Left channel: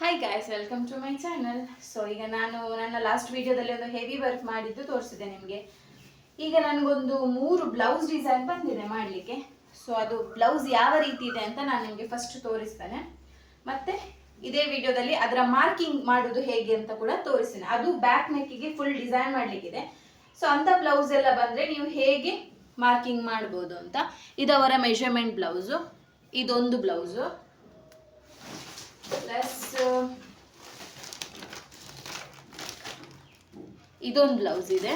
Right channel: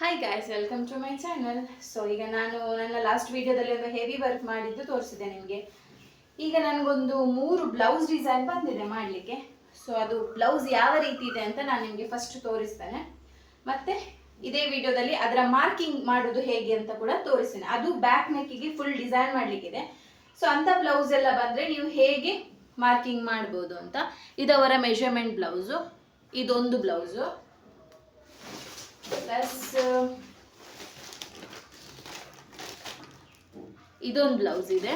Hi guys, welcome to my channel. So ಈಗ ನಾನು ನನ್ನ ಲಾಸ್ಟ್ ವಿಡಿಯೋದಲ್ಲಿ ಒಂದು ಹೆವಿ ವರ್ಕ್ ಮಾಡಿದ್ದು ತೋರಿಸಿದೆ ನಿಮಗೆ. ಈಗ ನನಗೊಂದು 3 ಬ್ಲೌಸ್ ಡಿಸೈನ್ ಬಂದಿದೆ ಮಾಡಲಿಕ್ಕೆ. ಸೊ ಅದು ಬ್ಲೌಸ್ ಯಾವ ರೀತಿ ಇದೆ ಅಂತ ನಾನು ನಿಮಗೆ ಫಸ್ಟ್ ತೋರಿಸ್ತೇನೆ. ಮತ್ತು ಇದೇ ವಿಡಿಯೋದಲ್ಲಿ ಅದರ ಮಾರ್ಕಿಂಗ್ ಮಾಡೋದು ಹೇಗೆ ಅಂತ ಕೂಡ ತೋರಿಸ್ತೇನೆ. ಅದು ಬ್ಯಾಕ್ ನೆಕ್ಕಿಗೆ ಫುಲ್ ಡಿಸೈನ್ ಮಾಡಲಿಕ್ಕಿದೆ. ಸೊ ಅಂಥ ಬ್ಲೌಸ್ ಎಲ್ಲ ಬಂದರೆ ನೀವು ಹೇಗೆ ಮಾರ್ಕಿಂಗ್ ಮಾಡ್ಬೋದು ಅಂತ. ಇದವರ ಮೆಷರ್ಮೆಂಟ್ ಬ್ಲೌಸು, ಇದೊಂದು ಬ್ಲೌಸು, ಪ್ಲಸ್ ಇದೊಂದು ಬ್ಲೌಸ್ ಇದೆ,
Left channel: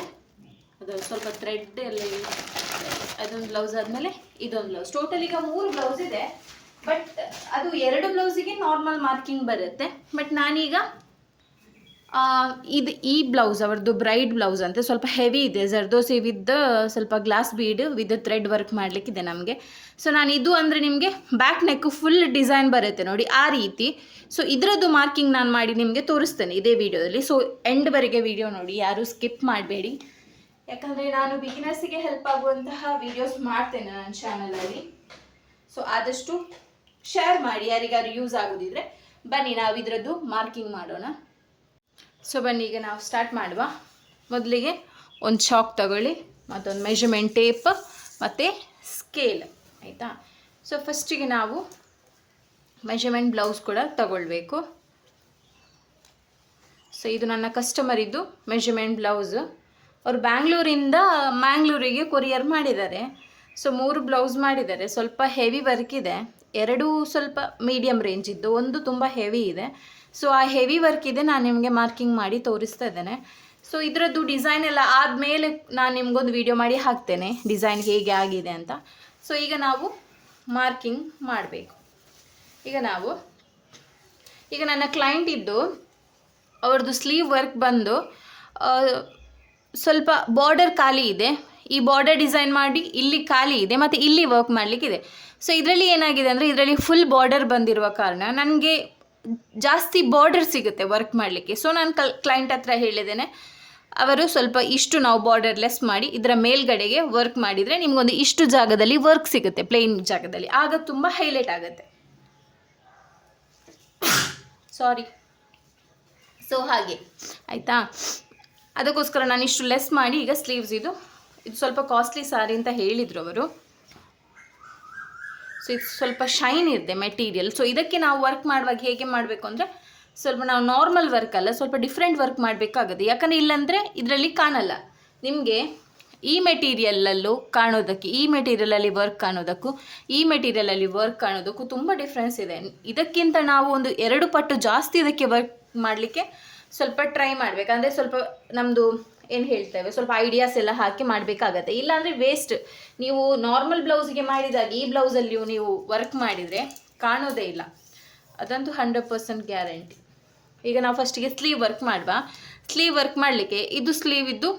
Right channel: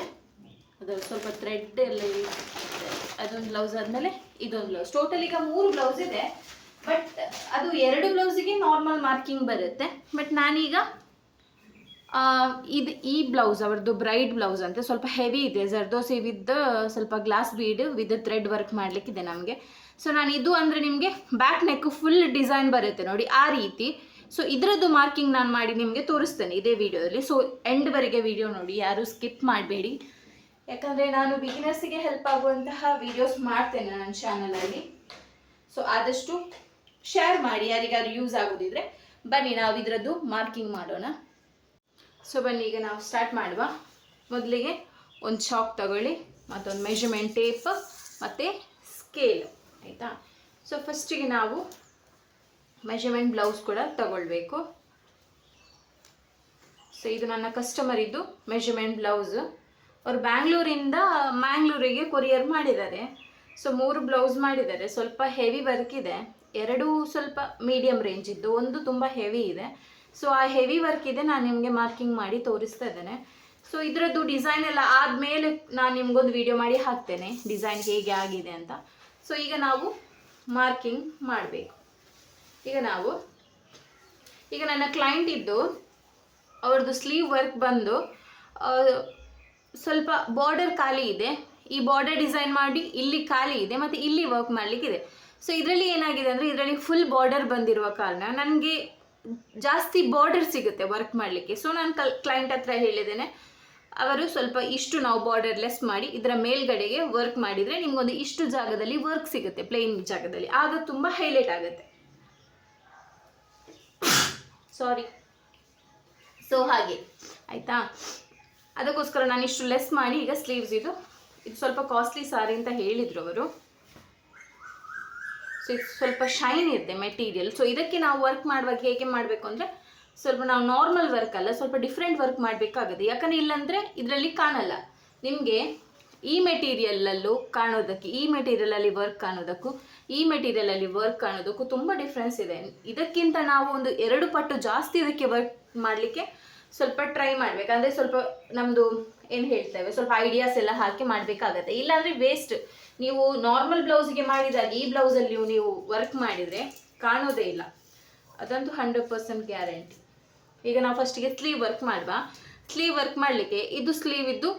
ಅದು ಸ್ವಲ್ಪ ಥ್ರೆಡ್ ಎಲ್ಲ ಅದೊಂದು ಬ್ಲೌಸ್ ಆದಮೇಲೆ ಇದೊಂದು ಬ್ಲೌಸ್. ಟೋಟಲ್ ಈಗ 3 ಬ್ಲೌಸ್ ಇದೆ. ಬಟ್ ಅದು 2 ಬ್ಲೌಸಿಗೆ ನಾರ್ಮಲ್ ಮಾರ್ಕಿಂಗ್ ಬರುತ್ತೆ. ಬಟ್ ನಾನೀಗ ಈ ಬ್ಲೌಸ್ ಅವ್ರದ್ದು ಬ್ರೈಡ್ ಬ್ಲೌಸ್ ಅಂತ ಸ್ವಲ್ಪ ಹೆವಿ ಇದೆ, ಜರ್ದೋಸಿ ವಿತ್ ಸ್ವಲ್ಪ glass bead with thread work ಮಾಡಲಿಕ್ಕಿದೆ ನಮಗೆ. ಸೊ ನಾನು ಇದು ಅಂದರೆ ನಿಮಗೆ ಬ್ಯಾಕ್ ನೆಕ್ ಫುಲ್ ಡಿಸೈನ್ ಬರುತ್ತೆ ನೋಡಿ, ಆ ರೀತಿ. ಸೊ ಇದರದ್ದು ಮಾರ್ಕಿಂಗ್ ನಾನು ಮಾಡಿ ನಿಮಗೆ ತೋರಿಸ್ತೇನೆ ಇದೇ ವಿಡಿಯೋದಲ್ಲಿ. ಸೊ ಎಂಡ್ವರೆಗೆ ವಿಡಿಯೋ ನೋಡಿ, ಯಾರೂ ಸ್ಕಿಪ್ ಮಾಡಬೇಡಿ. ಯಾಕಂದರೆ ನಾನು ಬಿಗಿನರ್ಸಿಗೆ ಹೆಲ್ಪ್ ಆಗುವಂತಹ ವಿಡಿಯೋಸ್ ಮಾಡ್ತೇನೆ ನನ್ನ ಚಾನಲಲ್ಲಿ. ಸೊ ಆದಷ್ಟು ಶೇರ್ ಮಾಡಿ, ಯಾರಿಗಾರು ಯೂಸ್ ಆಗೋದಿದ್ರೆ. ಬನ್ನಿ ನಾವು ಇದರದ್ದು ಮಾರ್ಕಿಂಗ್ ಮಾಡೋಣ. ಸೊ ಬನ್ನಿ ಈಗ ನಾವು ಸ್ಟಾರ್ಟ್ ಮಾಡುವ. ಮೊದಲಿಗೆ ಒಂದು ಚಾಕ್ ತಗೊಳ್ಳಿ, ಮತ್ತೊಂದು ಮೆಷರ್ಮೆಂಟ್ ಟೇಪ್ ಮತ್ತು ಸ್ಕೇಲ್, ಆಯಿತಾ. ಸೊ ಫಸ್ಟಿಗೆ ನಾವು ಮೆಷರ್ಮೆಂಟ್ ಬ್ಲೌಸ್ ಕೂಡ ತಗೊಳ್ಬೇಕು. ಸೊ ಇದು ನನ್ನ ಕಸ್ಟಮರಿದ್ದು ಮೆಷರ್ಮೆಂಟ್ ಬ್ಲೌಸು. ಅವರು ಬ್ಯಾಂಗ್ಳೂರಿಂದ ಮ್ಯಾಂಗ್ಳೂರಿಗೆ ಕೊರಿಯರ್ ಮಾಡಿದ್ದಾರೆ. ಸೊ 3 ಬ್ಲೌಸ್ ಮಾಡಿದ್ದಾರೆ. ಸ್ವಲ್ಪ ಹೆವಿ ವರ್ಕ್ ಇದೆ, 2 ಸ್ವಲ್ಪ ಮೀಡಿಯಮ್ ರೇಂಜ್ ಇದ್ದು, ಒಂದು ತುಂಬ ಹೆವಿ ಇದೆ. ಸೊ ಆ ಹೆವಿ ವರ್ಕ್ ಇದೆ, ನಾನು ನಿಮಗೆ ಮಾರ್ಕಿಂಗ್ ಮಾಡಿ ತೋರಿಸ್ತಾ ಇದ್ದೇನೆ. ಸೊ ಇದರದ್ದು ಡಿಸೈನ್ ಎಲ್ಲ ಆದಮೇಲೆ ನಾನು ನಿಮಗೊಂದು ವಿಡಿಯೋ ಮಾಡಿ ಹಾಕ್ತೇನೆ, ಡಿಸೈನ್ ಹೇಗೆ ಆಗಿದೆ ಅಂತ. ಸೊ ಈಗ ನಾವು ಮಾರ್ಕಿಂಗ್ ಮಾಡಬೇಕು. ಈಗ ನನ್ನ ಕ್ಲೈಂಟ್ ಇದ್ದು ಅವ್ರದ್ದು ಸ್ಲೀವ್ ವರ್ಕ್ ಬಂದು ಸ್ವಲ್ಪ ಬಾರ್ಡರ್ ಖಾಲಿ ಇದೆ. ಈ ಬಾರ್ಡರ್ ಡಿಸೈನ್ ಮಾಡಿ ಇಲ್ಲಿ ಖಾಲಿ ಇದೆ ಮತ್ತು ಇಲ್ಲಿ ವರ್ಕ್ ಮಾಡಲಿಕ್ಕಿದೆ. ಸೊ ಇದರಲ್ಲಿ ಏನಾಗಿದೆ ಅಂದರೆ, ಇದರಲ್ಲಿ ಫುಲ್ ಬಾರ್ಡರ್ ಬಂದಿರುವ ಕಾರಣ ನನಗೆ ಜಾಸ್ತಿ ಬಾರ್ಡರ್ ಸಿಗುತ್ತೆ ವರ್ಕ್ ಮಾಡಲಿಕ್ಕೆ. ಸೊ ನಾನು ಕ್ಲೈಂಟ್ ಹತ್ರ ಹೇಳಿದ್ದೇನೆ, ಅವರು ಸ್ವಲ್ಪ ಇಷ್ಟು ನಾವು ಬಾರ್ಡರ್ ಲೆಸ್ ಮಾಡಿ ಇದರ ಮೇಲ್ಗಡೆಗೆ ವರ್ಕ್ ಮಾಡಿದರೆ ನಿಮಗೊಂದು ಇಷ್ಟು ಜಾಗದಲ್ಲಿ ವರ್ಕ್ ಸಿಗುತ್ತೆ, ಪ್ಲೇನ್ ಜಾಗದಲ್ಲಿ. ಆಗ ತುಂಬ ಹೈಲೈಟ್ ಆಗುತ್ತೆ. ಸಾರಿ. ಸೊ ಹಾಗೆ ಆಯಿತಾ, ಅದಕ್ಕೋಸ್ಕರ ನಾನು ಇಷ್ಟು ಲೆಸ್ ಮಾಡಿ ಈಗ ಸ್ಲೀವ್ಸ್ ಇದು ಸ್ವಲ್ಪ ಕಾಸ್ಟ್ಲಿ ಸಾರಿ ಅಂತ ಹೇಳಿದರು ಅವರು. ಸೊ ಇದು ಸ್ವಲ್ಪ ಶೈನ್ ಇದೆ ಮೆಟೀರಿಯಲ್. ಸೊ ಇದಕ್ಕೆ ನಾವು ವರ್ಕ್ ಮಾಡುವಾಗ ಹೇಗೆ ಮಾಡಬೇಕು ಅಂದರೆ, ಸ್ವಲ್ಪ ನಾವು ನಾರ್ಮಲ್ ವರ್ಕ್ ಅಲ್ಲ, ಸ್ವಲ್ಪ ಡಿಫ್ರೆಂಟ್ ವರ್ಕ್ ಮಾಡಬೇಕಾಗುತ್ತೆ. ಯಾಕಂದರೆ ಇಲ್ಲಾಂದರೆ ಇದರಲ್ಲಿ ಕಾಣಲ್ಲ ನಿಮಗೆ. ಈ ಮೆಟೀರಿಯಲಲ್ಲೂ ಕಾಣೋದಕ್ಕೆ, ಈ ಮೆಟೀರಿಯಲಲ್ಲಿ ವರ್ಕ್ ಕಾಣೋದಕ್ಕೂ ಈ ಮೆಟೀರಿಯಲಲ್ಲಿ ವರ್ಕ್ ಕಾಣೋದಕ್ಕೂ ತುಂಬ ಡಿಫ್ರೆನ್ಸ್ ಇದೆ. ಇದಕ್ಕಿಂತ ನಾವು ಒಂದು 2 ಪಟ್ಟು ಜಾಸ್ತಿ ಇದಕ್ಕೆ ವರ್ಕ್ ಮಾಡಲಿಕ್ಕೆ ಸ್ವಲ್ಪ ಟ್ರೈ ಮಾಡಬೇಕಂದ್ರೆ, ಸ್ವಲ್ಪ ನಮ್ಮದು ಏನು ಹೇಳ್ತೇವೆ, ಸ್ವಲ್ಪ ಐಡಿಯಾಸ್ ಎಲ್ಲ ಹಾಕಿ ಮಾಡಬೇಕಾಗತ್ತೆ. ಇಲ್ಲಾಂದರೆ ವೇಸ್ಟ್. ನೀವು ನಾರ್ಮಲ್ ಬ್ಲೌಸಿಗೆ ಮಾಡಿದಾಗ ಈ ಬ್ಲೌಸಲ್ಲಿಯೂ ನೀವು ವರ್ಕ್ ಮಾಡಿದರೆ ಕಾಣೋದೇ ಇಲ್ಲ, ಅದಂತೂ 100% ಗ್ಯಾರಂಟಿ. ಈಗ ನಾವು ಫಸ್ಟಿಗೆ ಸ್ಲೀವ್ ವರ್ಕ್ ಮಾಡುವ. ಸ್ಲೀವ್ ವರ್ಕ್ ಮಾಡಲಿಕ್ಕೆ ಇದು ಸ್ಲೀವ್ ಇದ್ದು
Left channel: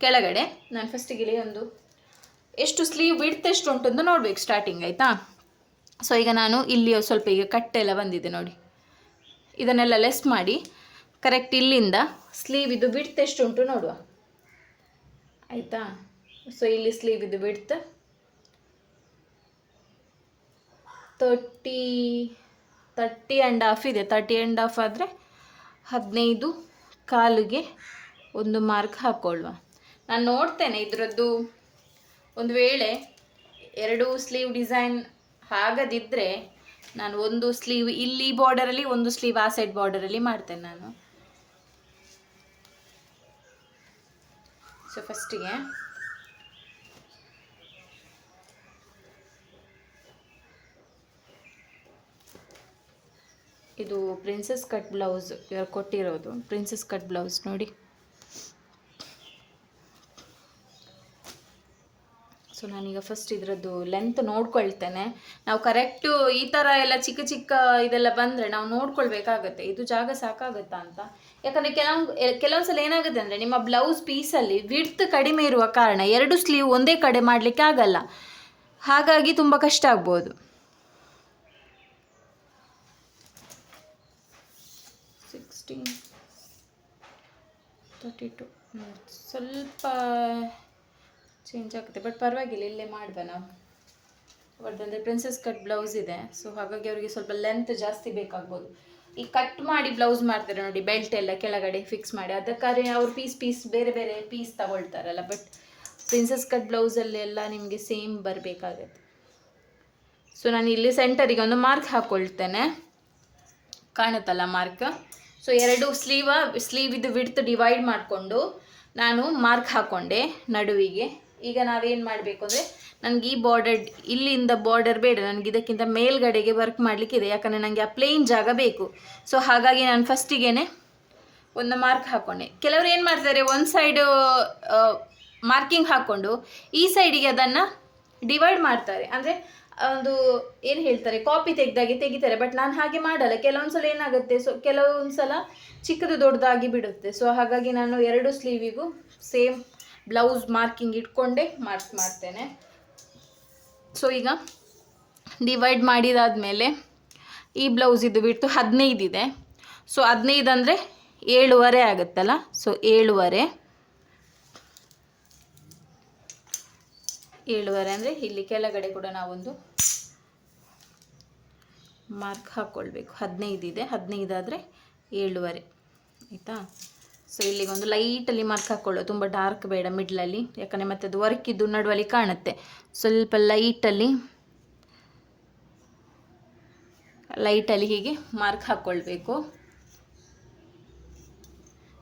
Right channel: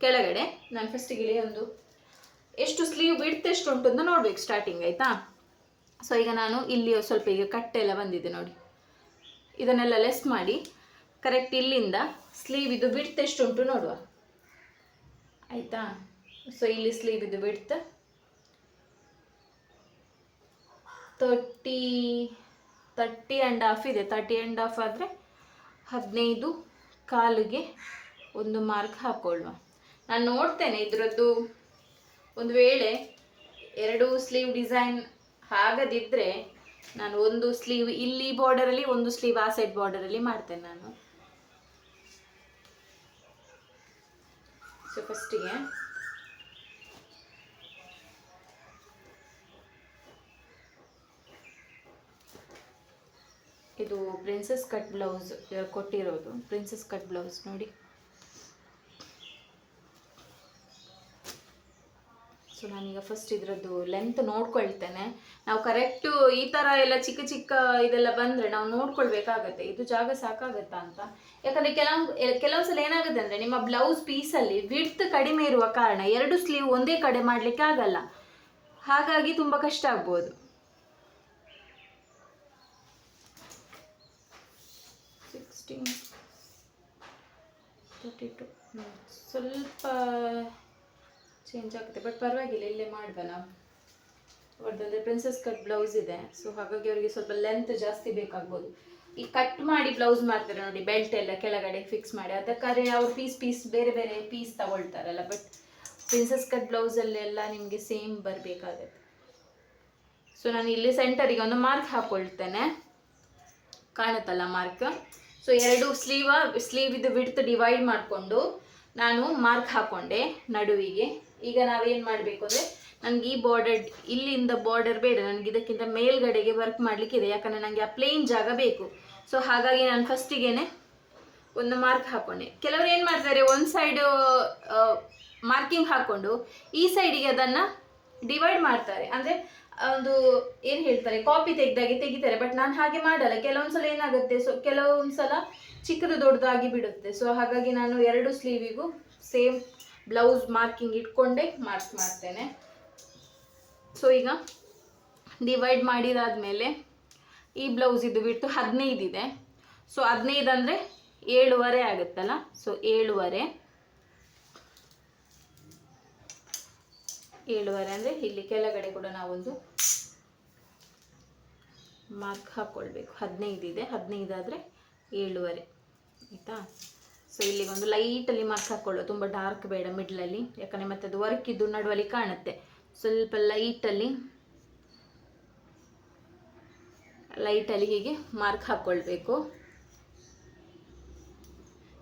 ಕೆಳಗಡೆ ನಾನು ಫಸ್ಟಿಗೆ ಒಂದು ಎಷ್ಟು ಸ್ಲೀವ್ ವಿಡ್ತ್ ಎಷ್ಟು ಉಂಟು ಅಂತ ನೋಡಬೇಕು ಸ್ಟಾರ್ಟಿಂಗ್, ಆಯಿತಾ. ಸೊ ಈಗ ನಾನು ಇಲ್ಲಿ ಸ್ವಲ್ಪ ಈಗ ಕಟ್ಟೆಲ್ಲ ಬಂದಿದೆ ನೋಡಿ, ಇದನ್ನೆಲ್ಲ ಲೆಸ್ ಮಾಡಿ ಕರೆಕ್ಟ್ ಇಲ್ಲಿಂದ ಸ್ಲೀವ್ ಇದು ವಿಡ್ತ್ ಎಷ್ಟು ಉಂಟು ನೋಡುವ, ಆಯಿತಾ. ಸೊ ಇಲ್ಲಿ ಸ್ಲೀವ್ ಇದು ವಿಡ್ತ್ 30.5 ಇದೆ. 30.5 ಆದರೆ 15 ಕಾಲಿಗೆ ಒಂದು ಮಾರ್ಕ್ ಹಾಕ್ಕೊಳ್ಳುವ. ನಾನು ನೋಡ್ತೇನೆ ಇದರದ್ದು, ಒಂದು ವೇಳೆ 2 ಸ್ಲೀವ್ ಡಿಸೈನ್ ಆಗದಿದ್ದರೆ ನಾನು ಒಂದು ಸ್ಲೀವ್ ಇಲ್ಲಿ ಬಾರ್ಡರಲ್ಲಿ, ಒಂದು ಸ್ಲೀವ್ ಆ ಸೈಡ್ ಬಾರ್ಡರಲ್ಲಿ ಮಾಡ್ತೇನೆ ನಾನು. ಸೊ ಫಸ್ಟಿಗೆ ಇದು ಪ್ರಿನ್ಸಸ್ ಕಟ್ ಬ್ಲೌಸ್ ಇವರು ಕೊಟ್ಟಿರೋದು, ಪ್ರಿನ್ಸಸ್ ಕಟ್ ಬ್ಲೌಸ್ ನೋಡಿ. ಸೊ ನಾನೀಗ ಫಸ್ಟ್ ಇದರದ್ದು ಲೆಂತ್ ನೋಡ್ಕೊಳ್ತೇನೆ. ನಾವು ಕರೆಕ್ಟು ಈ ಥರ ಎಲ್ಲ ಚಿಕ್ಕ ಚಿಕ್ಕ ಇದೆಲ್ಲ ಬಂದರೆ ನಾವು ನೋಡ್ಕೊಳ್ಬೇಕಾಗತ್ತೆ, ಇದು ಜಾಗ ಸಾಕಾಗುತ್ತಾ ಅಂತ. ಯಾಕಂದರೆ ಕೆಲವು ಸಲ ಏನಾಗುತ್ತೆ ಅಂದರೆ, ನಿಮ್ಮ ಬ್ಲೌಸ್ ಪೀಸಲ್ಲಿ ವಿಡ್ತ್ ಕಡಿಮೆ ಇರುವ ಕಾರಣ 2 ಸ್ಲೀವ್ ಒಂದೇ ಕಡೆ ಮಾಡಲಿಕ್ಕೆ ಆಗಲ್ಲ, ಹಾಗಾಗಿ ತುಂಬ ಕಷ್ಟ ಆಗ್ಬೋದು. 16, 32 ಸ್ವಲ್ಪ ಚೇಂಜ್ ಆಗುತ್ತೆ, ಬಟ್ ಪರವಾಗಿಲ್ಲ, ಇಲ್ಲೇ ಮಾಡುವ ನಾವು. ಅವ್ರದ್ದಂದರೆ ಪ್ರಿನ್ಸಸ್ ಕಟ್ ಬ್ಲೌಸ್ ಇದೆ. ಸೊ ಹಾಗಾಗಿ ಅವರಿಗೆ ಸ್ವಲ್ಪ ಲೆಂತ್ ಜಾಸ್ತಿ ಬೇಕಾಗ್ಬೋದು. ಈ ಕಟ್ ಮಾಡಿ ಬ್ಲೌಸ್ ಮಾಡ್ತಾರೆ ನೋಡಿ, ಬೆಲ್ಟ್ ಎಲ್ಲ ಕೆಳಗಡೆ ಫಿಕ್ಸ್ ಮಾಡಿ, ಅದಕ್ಕಾದ್ರೆ ಅವ್ರು ಪೀಸ್ ಬೇರೆ ಬೇರೆ ಪೀಸ್ ತಗೊಳ್ತಾರಲ್ಲ. ಬಟ್ ಪ್ರಿನ್ಸಸ್ ಕಟ್ ಬ್ಲೌಸಲ್ಲೆಲ್ಲ ನಿಮಗೆ ಸೇಮ್ ಬರಬೇಕಾಗತ್ತೆ. ಸೊ ನಾನು ಇಲ್ಲಿ ಸೆಂಟರಿಗೆ ಒಂದು ಮಾರ್ಕ್ ಹಾಕ್ಕೊಳ್ತೇನೆ, ಕಾಣುತ್ತಲ್ಲ ಮಾರ್ಕ್. ಸೊ 2 ಸ್ಲೀವ್ ಇದು ವಿಡ್ತ್ ಡಿವೈಡ್ ಮಾಡಿಕೊಂಡು ನಾನು ಮಾರ್ಕ್ ಹಾಕ್ಕೊಂಡೆ ನಡುವಿಗೆ. ಈಗ ನಾವೇನು ಮಾಡಬೇಕು ಅಂದರೆ, ನನಗೆ ಈ ಬಾರ್ಡರ್, ಇಲ್ಲಿಂದ ಬಾರ್ಡರ್ ಬೇಡ, ನನಗೆ ಇದಕ್ಕಿಂತ ಮೇಲ್ಗಡೆಗೆ ವರ್ಕ್ ಮಾಡಲಿಕ್ಕಿದೆ, ಯಾಕಂದರೆ ನನಗೆ ಆ ಪ್ಲೇನ್ ಜಾಗ ಬೇಕು. ಸೊ ಹಾಗಾಗಿ ನಾನು ಫಸ್ಟಿಗೆ ಒಂದು ಮಾರ್ಕ್ ಹಾಕ್ಕೊಂಡೆ. ಕೆಲವರು ಏನು ಮಾಡ್ತಾರೆ, ಒಂದು ಸೈಡು ಮಾರ್ಕಿಂಗ್ ಹಾಕ್ಕೊಂಡು ಈ ಸೈಡಿಗೆ ಅದನ್ನು ಡಿವೈಡ್ ಮಾಡ್ತಾರೆ, ಅಂದರೆ ಒಂದು ಏನು ಹೇಳ್ತಾರೆ, ಕಾಪಿ ತೆಗಿತಾರೆ. ಬಟ್ ನಾನು ಹಾಗೆ ಮಾಡಲ್ಲ. ಕೆಲವೊಂದು ಸಲ ಏನಾಗುತ್ತೆ, ಸೊ ಕೆಲವೊಂದು ಸಲ ಚಿಕ್ಕದು ದೊಡ್ಡದಾಗಿ ಬಿಡುತ್ತೆ. ಸೊ ಹಾಗಾಗಿ ನಾನು 2 ಸ್ಲೀವಿಗೂ ಸೇಮ್ ಬ್ಲೌಸ್ ಮಾರ್ಕಿಂಗ್ ಇಟ್ಕೊಂಡೇ ಮಾರ್ಕ್ ಮಾಡ್ತೇನೆ. ಸೊ ಈಗ ಡಿವೈಡ್ ಮಾಡಿದಾದಮೇಲೆ ಈ ಬ್ಲೌಸ್ ಇದು ಬಿಟ್ಟು 15 ಇದೆ. ಸೊ 15 ಅಂದರೆ 7.5 ಆಗುತ್ತಲ್ಲ. ಸೊ 7.5 ಅಂದರೆ ಇಲ್ಲಿ ಕೆಳಗಡೆ ಕೂಡ ನಾವೊಂದು ಮಾರ್ಕ್ ಹಾಕ್ಕೊಳ್ಬೇಕು. 15 ಇದೆ, 15 ಆದರೆ 7.5 ಆಯಿತಾ. ಸೊ ಇಲ್ಲಿಗೊಂದು ಲೈಟಲ್ಲಿ ಮಾರ್ಕ್ ಹಾಕ್ಕೊಳ್ಳೋ, ತುಂಬ ಡಾರ್ಕ್ ಬೇಡ, ಮಿಡ್ಲಲ್ಲಿ, ಯಾಕಂದರೆ ಮತ್ತೆ ಅದು ವರ್ಕ್ ಇದ್ದು ನಡುವಲ್ಲಿ ಕಾಣುತ್ತೆ. ಸ್ವಲ್ಪ ಲೈಟಲ್ಲಿ ಹೀಗೆ ಮಾರ್ಕ್ ಹಾಕ್ಕೊಳ್ಬೇಕು.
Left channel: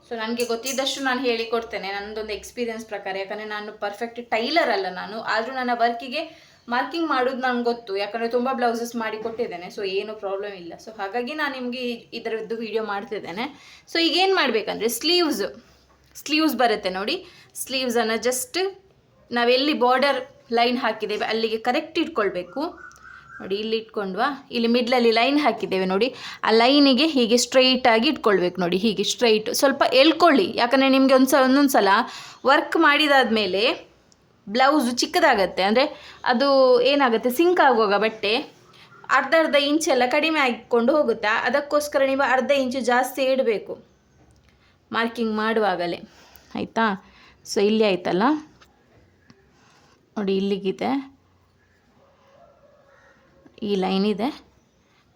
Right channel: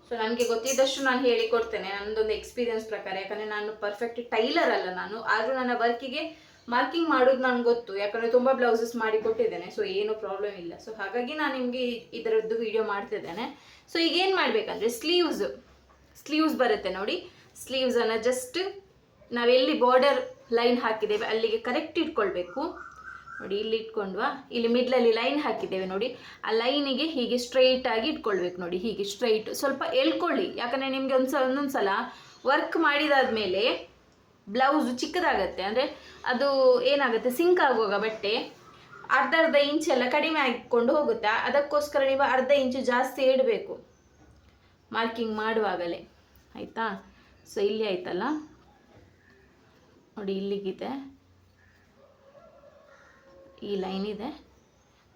ಸೊ ನನಗೆ ಗೊತ್ತಿದ್ದಷ್ಟು ನಾನು ಹೇಳಿಕೊಡ್ತೇನೆ, ನನ್ನದೊಂದು ಎಕ್ಸ್ಪೀರಿಯನ್ಸ್ ಪ್ರಕಾರ. ಯಾಕಂದರೆ ನಾನು ಪರ್ಫೆಕ್ಟ್ ಟೈಲರ್ ಅಲ್ಲ ನಾನು, ಆದರೂ ನನ್ನ ವರ್ಕಿಗೆ ಮಾರ್ಕಿಂಗ್ ಮಾಡೋದು ನನಗೆ ಗೊತ್ತು, ಯಾಕಂದರೆ ತುಂಬ ಬ್ಲೌಸಸ್ ಮಾಡಿ ಕೊಟ್ಟಿದ್ದೇನೆ. ಸೊ ಏನು ಪ್ರಾಬ್ಲಮ್ ಇಲ್ಲ. ಸೊ ಹಾಗಾಗಿ ನಾನು ನಿಮಗೆ ಇದರದ್ದು ವಿಡಿಯೋ ಮಾಡ್ತಿದ್ದೇನೆ. ಸೊ ಈಗ ಏನು ಮಾಡಬೇಕಂದ್ರೆ, ಸ್ಲೀವ್ಸ್ ಬರುತ್ತೆ ನೋಡಿ, ಸ್ಲೀವ್ಸನ್ನು ಜಸ್ಟ್ ನಾವೆಲ್ಲಿ ಬಾರ್ಡರ್ ಲೈನ್ ಹಾಕಿದ್ದೇವೆ ಅಲ್ಲಿಗೆ ಕರೆಕ್ಟ್ ಇಟ್ಕೊಳ್ಬೇಕು ನೋಡಿ. ಇಲ್ಲಿ ಇಟ್ಕೊಂಡ್ವಾ, ಇಲ್ಲಿ ಮಿಡ್ಲಲ್ಲಿ ಲೈನ್ ಹಾಕಿದ್ದೇವೆ ನೋಡಿ, ಆ ಲೈನಿಗೆ ಹೀಗೆ ಸ್ಟ್ರೈಟಾಗಿ ಇಟ್ಕೊಳ್ಬೇಕು ನೋಡಿ, ಹೀಗೆ ಸ್ಟ್ರೈಟ್. ಸ್ವಲ್ಪ ಎಳ್ಕೊಳ್ಳಿ, ಯಾಕಂದರೆ ನಿಮಗೆ ಒಂದೊಂದು ಸಲ ವರ್ಕ್ ಮಾಡಿದಾದ್ಮೇಲೆ ಬ್ಲೌಸು ಚಿಕ್ಕದಾಗತ್ತೆ, ಅಂದರೆ ಅದು ಏನಾಗುತ್ತೆ, ಸಿಂಕ್ ಆಗುವಾಗ ಬಟ್ಟೆ ಅರ್ಧ ಇಂಚೆಲ್ಲ ಕಡಿಮೆ ಆಗಿಕೊಂಡು ಹೋಗುತ್ತೆ. ಅದಕ್ಕೋಸ್ಕರ ನೀವು ಅರ್ಧ ಇಂಚು ಜಾಸ್ತಿ ಇಡಬೇಕು ಮಾರ್ಕಿಂಗ್ ಮಾಡುವಾಗಲೇ, ಆಯಿತಾ. ಸೊ ಇಲ್ಲಿ ಆಯ್ತಲ್ಲ ನೋಡಿ, ಇಲ್ಲಿಗಿದೆ ಈ ಲೈನ್ ಇದೆ,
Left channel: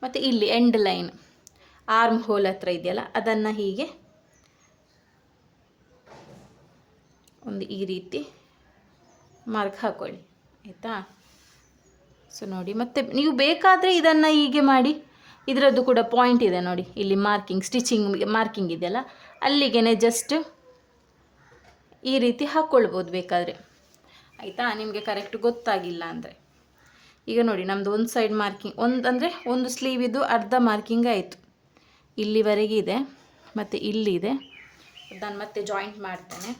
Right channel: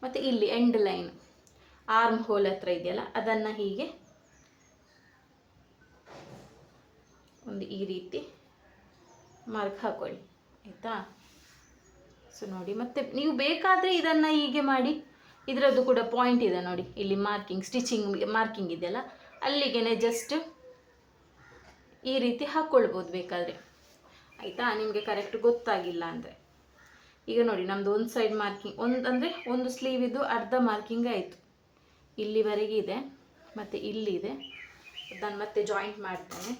ಮತ್ತು ಇಲ್ಲಿ ಎಂಡ್ ಲೈನ್ ಆರ್ಮ್ ಹೋಲ್ ಹತ್ರ ಇದೆಯಲ್ಲ, ಅದನ್ನು ಹೀಗೆ ಒಂದು ಈ ರೀತಿ ಮಾರ್ಕ್ ಹಾಕೊಳ್ಳಿ, ಆಯಿತಾ. ಸೊ ನೋಡಿ, ಮತ್ತೆ ನೀವು ಬೇಕಾದರೆ ಇದನ್ನು ಹೀಗೆ ಮಾಡಿ, ಇದರದ್ದು ಕೂಡ ಪಾಯಿಂಟ್ ಇದೆ ನೋಡಿ, ಇಲ್ಲಿ ಮಾರ್ಕಿಂಗ್, ಸ್ಟಿಚಿಂಗ್ ಮಾರ್ಕಿಂಗ್ ಇದೆಯಲ್ಲ, ಅಲ್ಲಿಗೆ ಜಸ್ಟ್ ಈ ರೀತಿ ಹಾಕ್ಕೊಳ್ಬೋದು ಬೇಕಾದರೆ, ಆಯಿತಾ. ನಿಮಗೆ ಕರೆಕ್ಟ್ ಗೊತ್ತಾಗಿಲ್ಲ ಅಂದರೆ. ಈಗ ನೋಡಿ, ನಮ್ಮದು ಒಂದು ಸೈಡ್ ಮಾರ್ಕಿಂಗ್, ಒಂದು ಸ್ಲೀವ್ ಇದು ಅರ್ಧ ಮಾರ್ಕಿಂಗ್ ಆಯಿತು, ಇಲ್ಲಿವರೆಗೆ ಇದೆ, ಮತ್ತು ಇಲ್ಲಿದೆ. ಅದನ್ನು ಮತ್ತೆ ಜಾಯಿಂಟ್ ಮಾಡ್ತೇನೆ.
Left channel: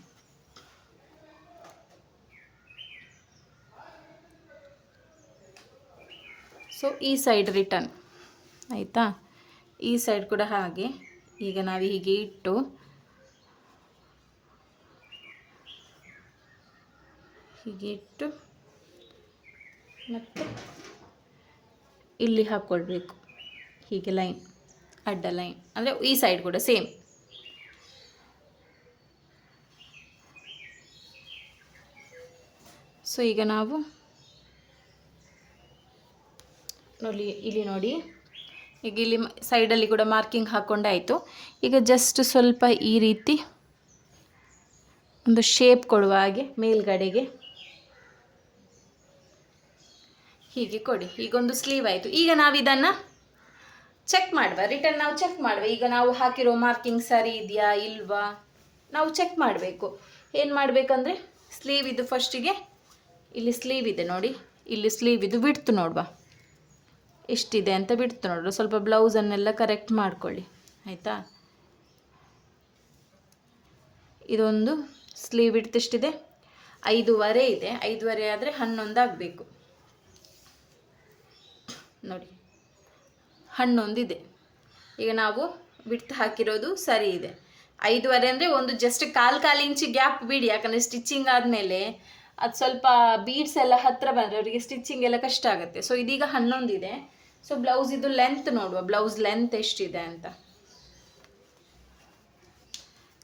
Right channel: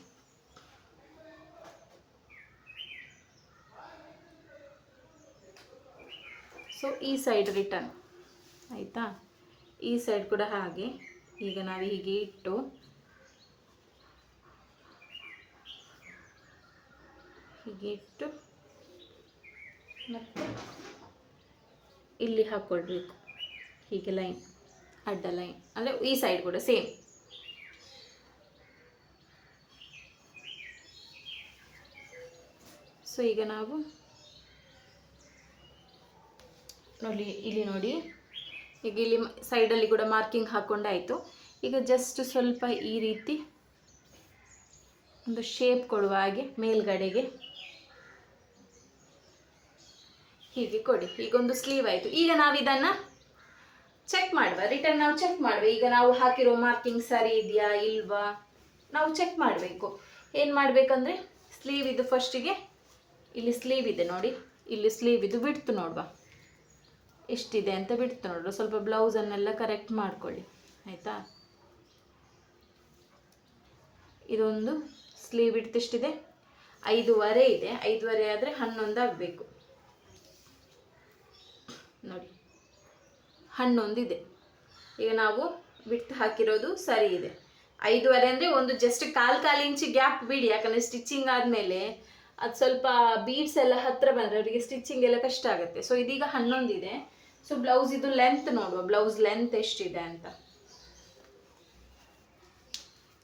ಸೊ ಈ ಸೈಡ್ ರಿಟರ್ನ್, ಆಯಿತಾ. ಈ ಸೈಡ್ ಕೂಡ ಹಾಗೆ. ಈಗ ನಾವು ಹೀಗೆ ಇಟ್ಟು ಮತ್ತು ಇಲ್ಲಿ ಹಾಕ್ಕೊಳ್ಬೇಕು ಹೀಗೆ ಲೈನ್, ಅಡ್ಡ ಲೈನ್, ಅಂದರೆ ಈ ಸೈಡ್ ಕೂಡ ಸೇಮ್. ಸೊ ಈಗ ನಾವು ಇಲ್ಲಿ ನೋಡಿ, ಈಗ ಇಲ್ಲಿ ಸೈಡಲ್ಲಿ ಕೂಡ ಮಾರ್ಕಿಂಗ್ ಹಾಕ್ಕೊಂಡಾಯಿತು. ಈಗ ಜಸ್ಟ್ ಸ್ವಲ್ಪ ಈ ರೀತಿ ಒಂದು ಶೇಪ್ ಕೊಡುವ ಹಾಗೆ ಮೇಲ್ಗಡೆಗೆ ಹೀಗೆ ಕೊಡಿ. ಈಗೊಂದು ಸ್ಲೀವ್ ಆಯಿತು. ಈಗ ನಾವು ಇದನ್ನು ಚೆಕ್ ಮಾಡುವ, ರಿಟರ್ನ್ ನಾವು ಚೆಕ್ ಮಾಡುವ. ಈಗ ನಾವು ಹಾಕಿರೋ ಮಾರ್ಕಿಂಗ್ ಸರಿ ಇದೆಯಾ ಇಲ್ವಾ ನಾವು ಚೆಕ್ ಮಾಡಬೇಕು. ಏನು ಮಾಡಬೇಕಂದ್ರೆ, ಸ್ಲೀವ್ ಇದು ಫಸ್ಟಿಗೆ ಇಲ್ಲಿ ಸ್ಲೀವ್ ಇದೆ ನೋಡಿ, ಇಲ್ಲಿ ಸ್ಲೀವ್ ಇದು ಬಿಡ್ತು ನೋಡುವ, ಎಷ್ಟಿದೆ ಅಂತ ಬಿಡ್ತು ನೋಡ್ರಿ. ಸ್ವಲ್ಪ ಬ್ಲೌಸನ್ನೆಲ್ಲ ಕರೆಕ್ಟ್ ಮಾಡ್ಕೊಳ್ಳಿ, ಆಯಿತಾ. ಇದೊಂದು ಸ್ಲೀವ್ ಬಿಡ್ತು ಎಷ್ಟಿದೆ, 5.5 ಇದೆ. 5.5 ಆದರೆ 11 ಆಗಬೇಕು ನೋಡಿ, 11 ಇದೆ. ಈಗ ನಾವು ಬಿಡ್ತು ಹಾಕಿರೋದು ಸರಿ ಇದೆ. 5.5 ಅಂದರೆ ಒಂದು ಜಸ್ಟ್ ಕಾಲು ಇಂಚು ಗ್ಯಾಪ್ ಬಿಡಿ, ಯಾಕಂದರೆ ಸ್ಟಿಚಿಂಗ್ ಆದಮೇಲೆ ಅದು ಸ್ವಲ್ಪ ಬೀಡ್ಸ್ ಎಲ್ಲ ಹತ್ತಿರ ಬಂದರೆ ಅವರಿಗೆ ಸ್ಟಿಚಿಂಗ್ ಎಲ್ಲ ಕಷ್ಟ ಆಗುತ್ತೆ. ಸೊ ಇದೀಗ 11 ಇದೆ. ಸೊ ಬ್ಲೌಸ್ ಇದು ಲೆಂತ್ ನೋಡುವ, ಬ್ಲೌಸ್ ಲೆಂತ್ ಎಷ್ಟಿದೆ ಅಂತ